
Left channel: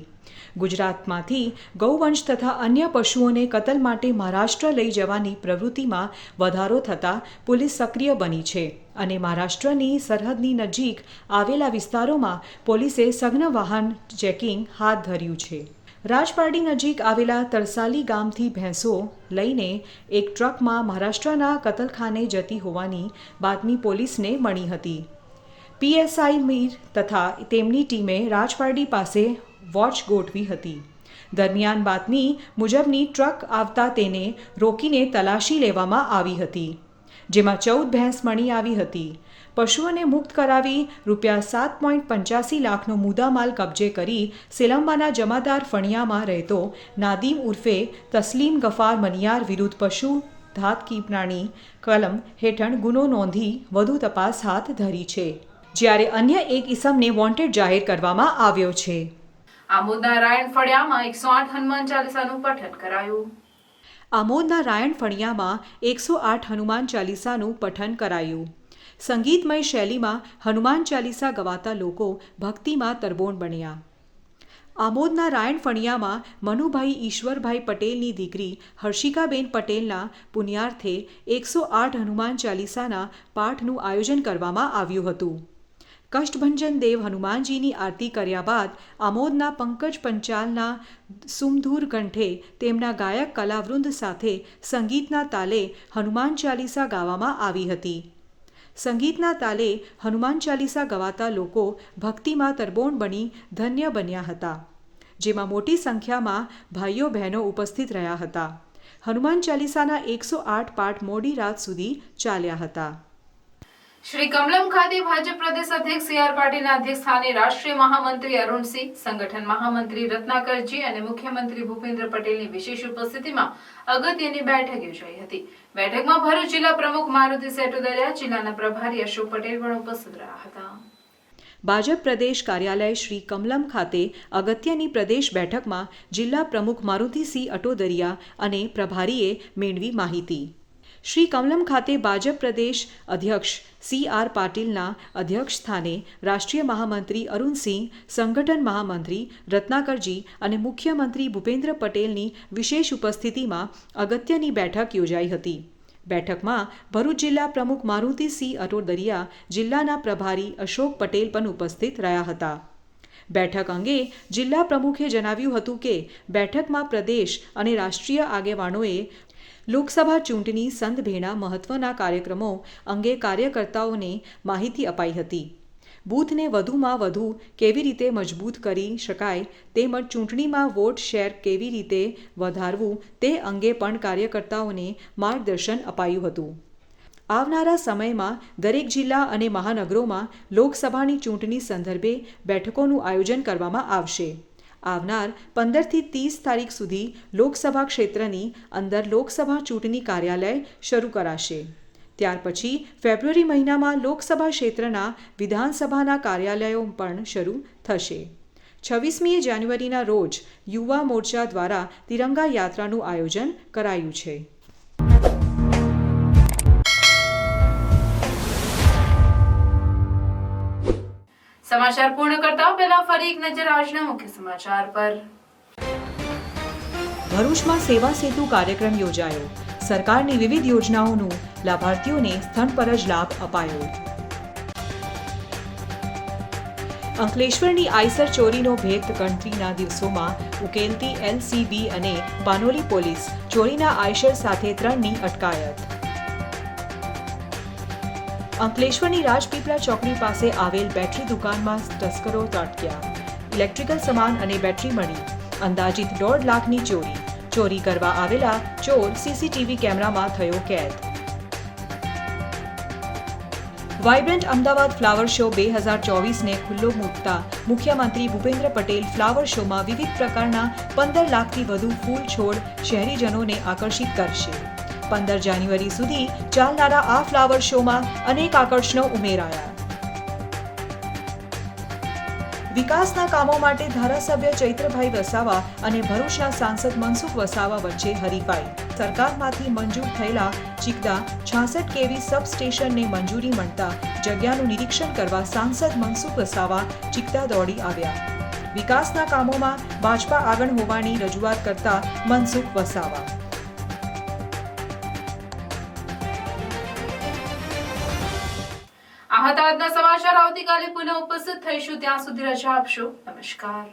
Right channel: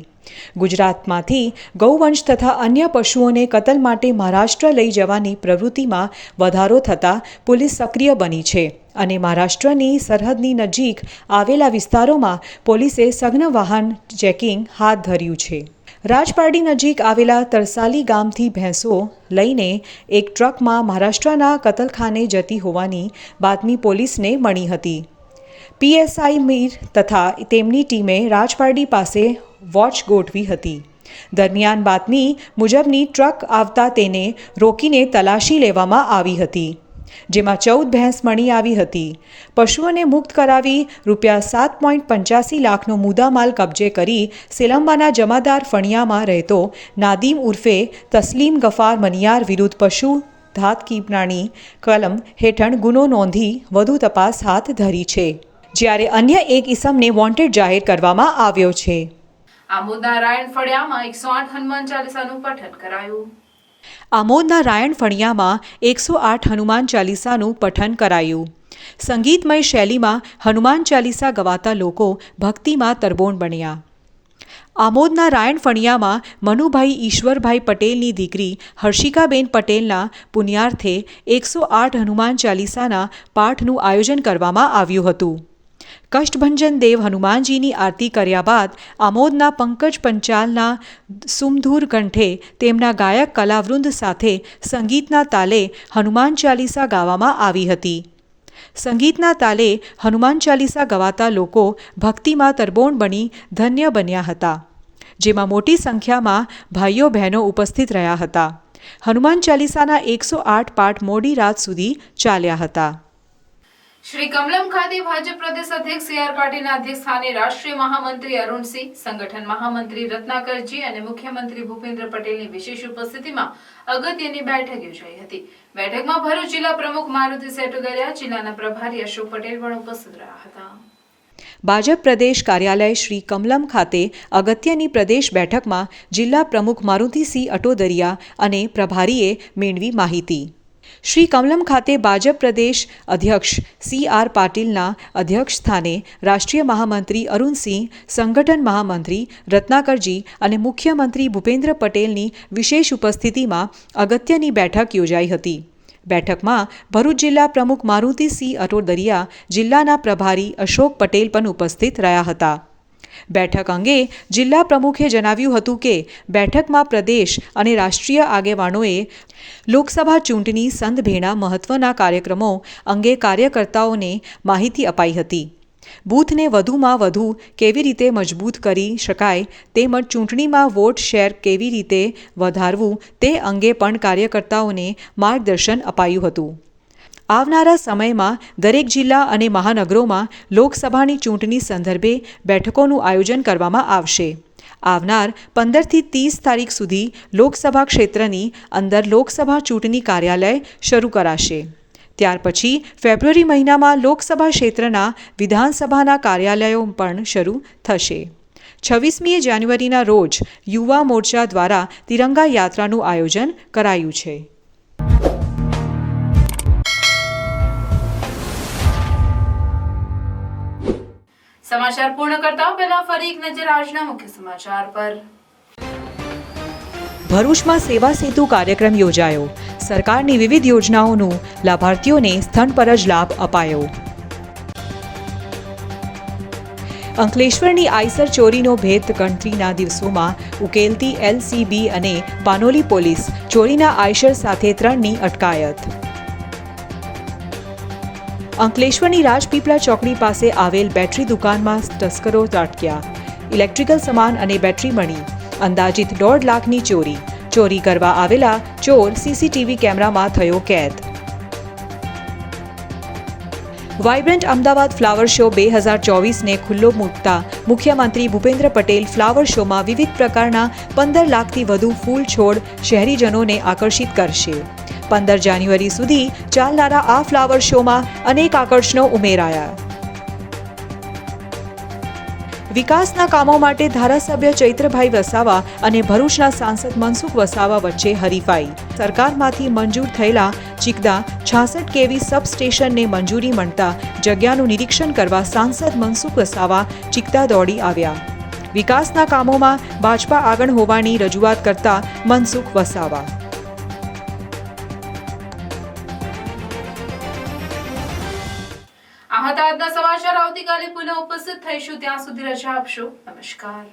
ગુજરાતમાંથી ગૌવંશ તથા અન્ય પશુઓને કતલ માટે મહારાષ્ટ્ર લઈ જવાની પ્રવૃત્તિમાં વધારો થતાં પોલીસ સક્રિય બની છે અને મહારાષ્ટ્રની સરહદની નજીક આવેલા વિસ્તારોમાં પોલીસે સઘન વાહન ચેકિંગ હાથ ધર્યું છે. રાજપારડી નજીક આવેલા તરસાલી ગામથી ભેંસો લઈને એક ટ્રકમાં મહારાષ્ટ્રના કતલખાને જતી હોવાની બાતમી પોલીસને મળી હતી. પીએસઆઈ મીર તથા તેમની ટીમે રાજપારડી પાસે વોચ ગોઠવી હતી. દરમિયાન બાતમી મુજબની ટ્રક આવતા તેને રોકીને તલાશી લેવામાં આવી હતી, જેમાં 14 ભેંસ મળી આવી હતી. પશુઓને મુક્ત કરાવી ₹7.85 લાખનો મુદ્દામાલ કબજે કરી સેલંબાના જમાદાર ફણિયામાં રહેતો નાદીમ ઉર્ફે તસ્લીમ ગફાર મનિયાર વિરુદ્ધ પશુ ધાતકી પ્રાણી કલમ હેઠળ ગુનો નોંધી વધુ તપાસ હાથ ધરી છે, જ્યારે અન્ય એક ઇસમને વોન્ટેડ જાહેર કરવામાં આવ્યો છે. આમોદના રાયણ ફળિયામાં 108 હનુમાન ચાલીસાનું પઠન કરાયું. આમોદના રાયણ ફળિયામાં 108 હનુમાન ચાલીસાનું પઠન કરાયું. સંગીતમય શૈલીમાં હનુમાન ચાલીસા ગવાતા લોકો ભક્તિમાં તરબોળ બન્યા. આમોદના રાયણ ફળિયામાં મનુભાઈ ઈશ્વરભાઈ પટેલની દીકરી હર્ષિકાબેન પટેલના પુણ્યાર્થે 108 હનુમાન ચાલીસાના પાઠનું આયોજન કરવામાં આવ્યું હતું. કષ્ટભંજન દેવ હનુમાનજીની આરતી કર્યા બાદ આમોદના પંકજ પંચાલના સુમધુર કંઠે તેમના ગાયક કલાવૃંદ સાથે સંગીતના તાલે હનુમાન ચાલીસા ગાવામાં આવી હતી. સંગીતના તાલે હનુમાન ચાલીસા ગવાતા લોકો ભક્તિમાં તરબોળ બની ધન્ય બન્યા હતા, જેમાં મોટી સંખ્યામાં ભાઈઓ બહેનો ઉપસ્થિત રહ્યા હતા. હનુમાન ચાલીસાના 108 પાઠ મોડી રાત સુધી ચાલ્યા હતા. શ્રી કમલમ ખાતે ભાજપ પ્રદેશ અધ્યક્ષ સી.આર. પાટીલના અધ્યક્ષ સ્થાને રાષ્ટ્રીય મહામંત્રી અરુણસિંહ, સંગઠન મહામંત્રી રત્નાકરજી અને મુખ્યમંત્રી ભૂપેન્દ્ર પટેલની વિશેષ ઉપસ્થિતિમાં અગત્યની બેઠક યોજાઈ હતી. બેઠકમાં ભરૂચ જિલ્લા પ્રમુખ મારુતિ સેટુદરિયા, જિલ્લાના પ્રભારી અશોક પટેલ પણ ઉપસ્થિત રહ્યા હતા. ભાજપ પ્રદેશ કાર્યાલય શ્રી કમલમ ખાતે અગત્યની પ્રદેશ બેઠકમાં જિલ્લા પ્રમુખ મારુતિસિંહ અટોદરિયા અને પ્રભારીએ મેળવી માહિતી. શ્રી કમલમ ખાતે ભાજપ પ્રદેશ અધ્યક્ષ સી.આર. પાટીલના અધ્યક્ષ સ્થાને રાષ્ટ્રીય મહામંત્રી અરુણસિંહ, સંગઠન મહામંત્રી રત્નાકરજી અને મુખ્યમંત્રી ભૂપેન્દ્ર પટેલની વિશેષ ઉપસ્થિતિમાં અગત્યની બેઠક યોજાઈ હતી. બેઠકમાં ભરૂચ જિલ્લા પ્રમુખ મારુતિસિંહ અટોદરિયા, જિલ્લાના પ્રભારી અશોક પટેલ પણ ઉપસ્થિત રહ્યા હતા. બેઠક અંગે જિલ્લા પ્રમુખે જણાવ્યું હતું કે બેઠકમાં પ્રદેશ અને રાષ્ટ્રીય આગેવાનોએ લોકસભા ચૂંટણી સંદભેણા મહત્વના કાર્યક્રમો અંગે કાર્યકર્તાઓને માહિતી અપાઈ હતી. બૂથને વધુમાં વધુ કેવી રીતે મજબૂત કરી શકાય તેમજ ચૂંટણીમાં વોટ શેર કેવી રીતે વધારવું તે અંગે પણ કાર્યકર્તાઓને માર્ગદર્શન અપાયું હતું. આવનારા સમયમાં દરેક જિલ્લા અને મહાનગરોમાં લોકસભાની ચૂંટણી સંદર્ભે બેઠકોનું આયોજન કરવામાં આવશે. આવનાર 15થી 30 તારીખ સુધી લોકસભા ક્ષેત્રની અંદર લોકસભા ચૂંટણી કાર્યાલય શરૂ કરાશે. ત્યાર પછી ફેબ્રુઆરી મહિનામાં લોકસભા ક્ષેત્રના વિધાનસભાના કાર્યાલયો પણ શરૂ થશે. 26મી જાન્યુઆરીના રોજ યુવા મોરચા દ્વારા તિરંગા યાત્રાનું આયોજન કરાયું છે. સમાચાર પૂર્ણ કરતા પહેલા ફરી એક નજર આજના મુખ્ય સમાચાર પર. ભરૂચમાં સેવા સેતુ કાર્યક્રમ યોજાયો. સરકારની વિવિધ યોજનાઓનું લાભાર્થીઓને સ્થળ પર જ લાભ અપાયો. અંકલેશ્વરની આઈસર ચોરીનો ભેદ ગણતરીના દિવસોમાં ઉકેલતી એલસીબી અને પાનોલી પોલીસ, ચોરીના આઈસર સાથે 3ની અટકાયત. અંકલેશ્વરની રાજપીપળા ચોકડી પાસે આવેલ બેટરી દુકાનમાં તસ્કરો ત્રાટક્યા. ઇલેક્ટ્રિકલ સામાન અને બેટરી મળી. અંદાજિત 1.5 લાખની ચોરી. ચોરી કરવા આવેલા ચોર સીસીટીવી કેમેરામાં થયો કેદ. વાઇબ્રન્ટ અમદાવાદ ફ્લાવર શો 2024ને ખુલ્લો મૂકતા મુખ્યમંત્રી ભૂપેન્દ્ર પટેલ ફ્લાવર શોમાં વિવિધ પ્રકારના 15 લાખથી વધુ ફૂલ છોડ શહેરીજનોને આકર્ષિત કરશે. 15 જાન્યુઆરી સુધી ચાલનારા આ ફ્લાવર શોમાં અનેક આકર્ષણો ઉમેરાયા. વિકાસના કામો માટે ધારાસભ્ય ચૈત્રભાઈ વસાવા અને ભરૂચના સાંસદ મનસુખ વસાવા વચ્ચે હરીફાઈ. સરકારમાંથી મંજૂર થયેલા ચિકદા 66 kV સબસ્ટેશનને મંજૂરી મળતા જગ્યાનું નિરીક્ષણ કરવા સાંસદ મનસુખ વસાવા ચિકદા દોડી આવ્યા. વિકાસના કામોમાં ભાજપા આગળ હોવાની રજૂઆત કરતા મનસુખ વસાવા. આ હતા આજના સમાચાર. આવતીકાલે પુનઃ ઉપસ્થિત થઈશું. ત્યાં સુધી રજા આપશો. નમસ્કાર.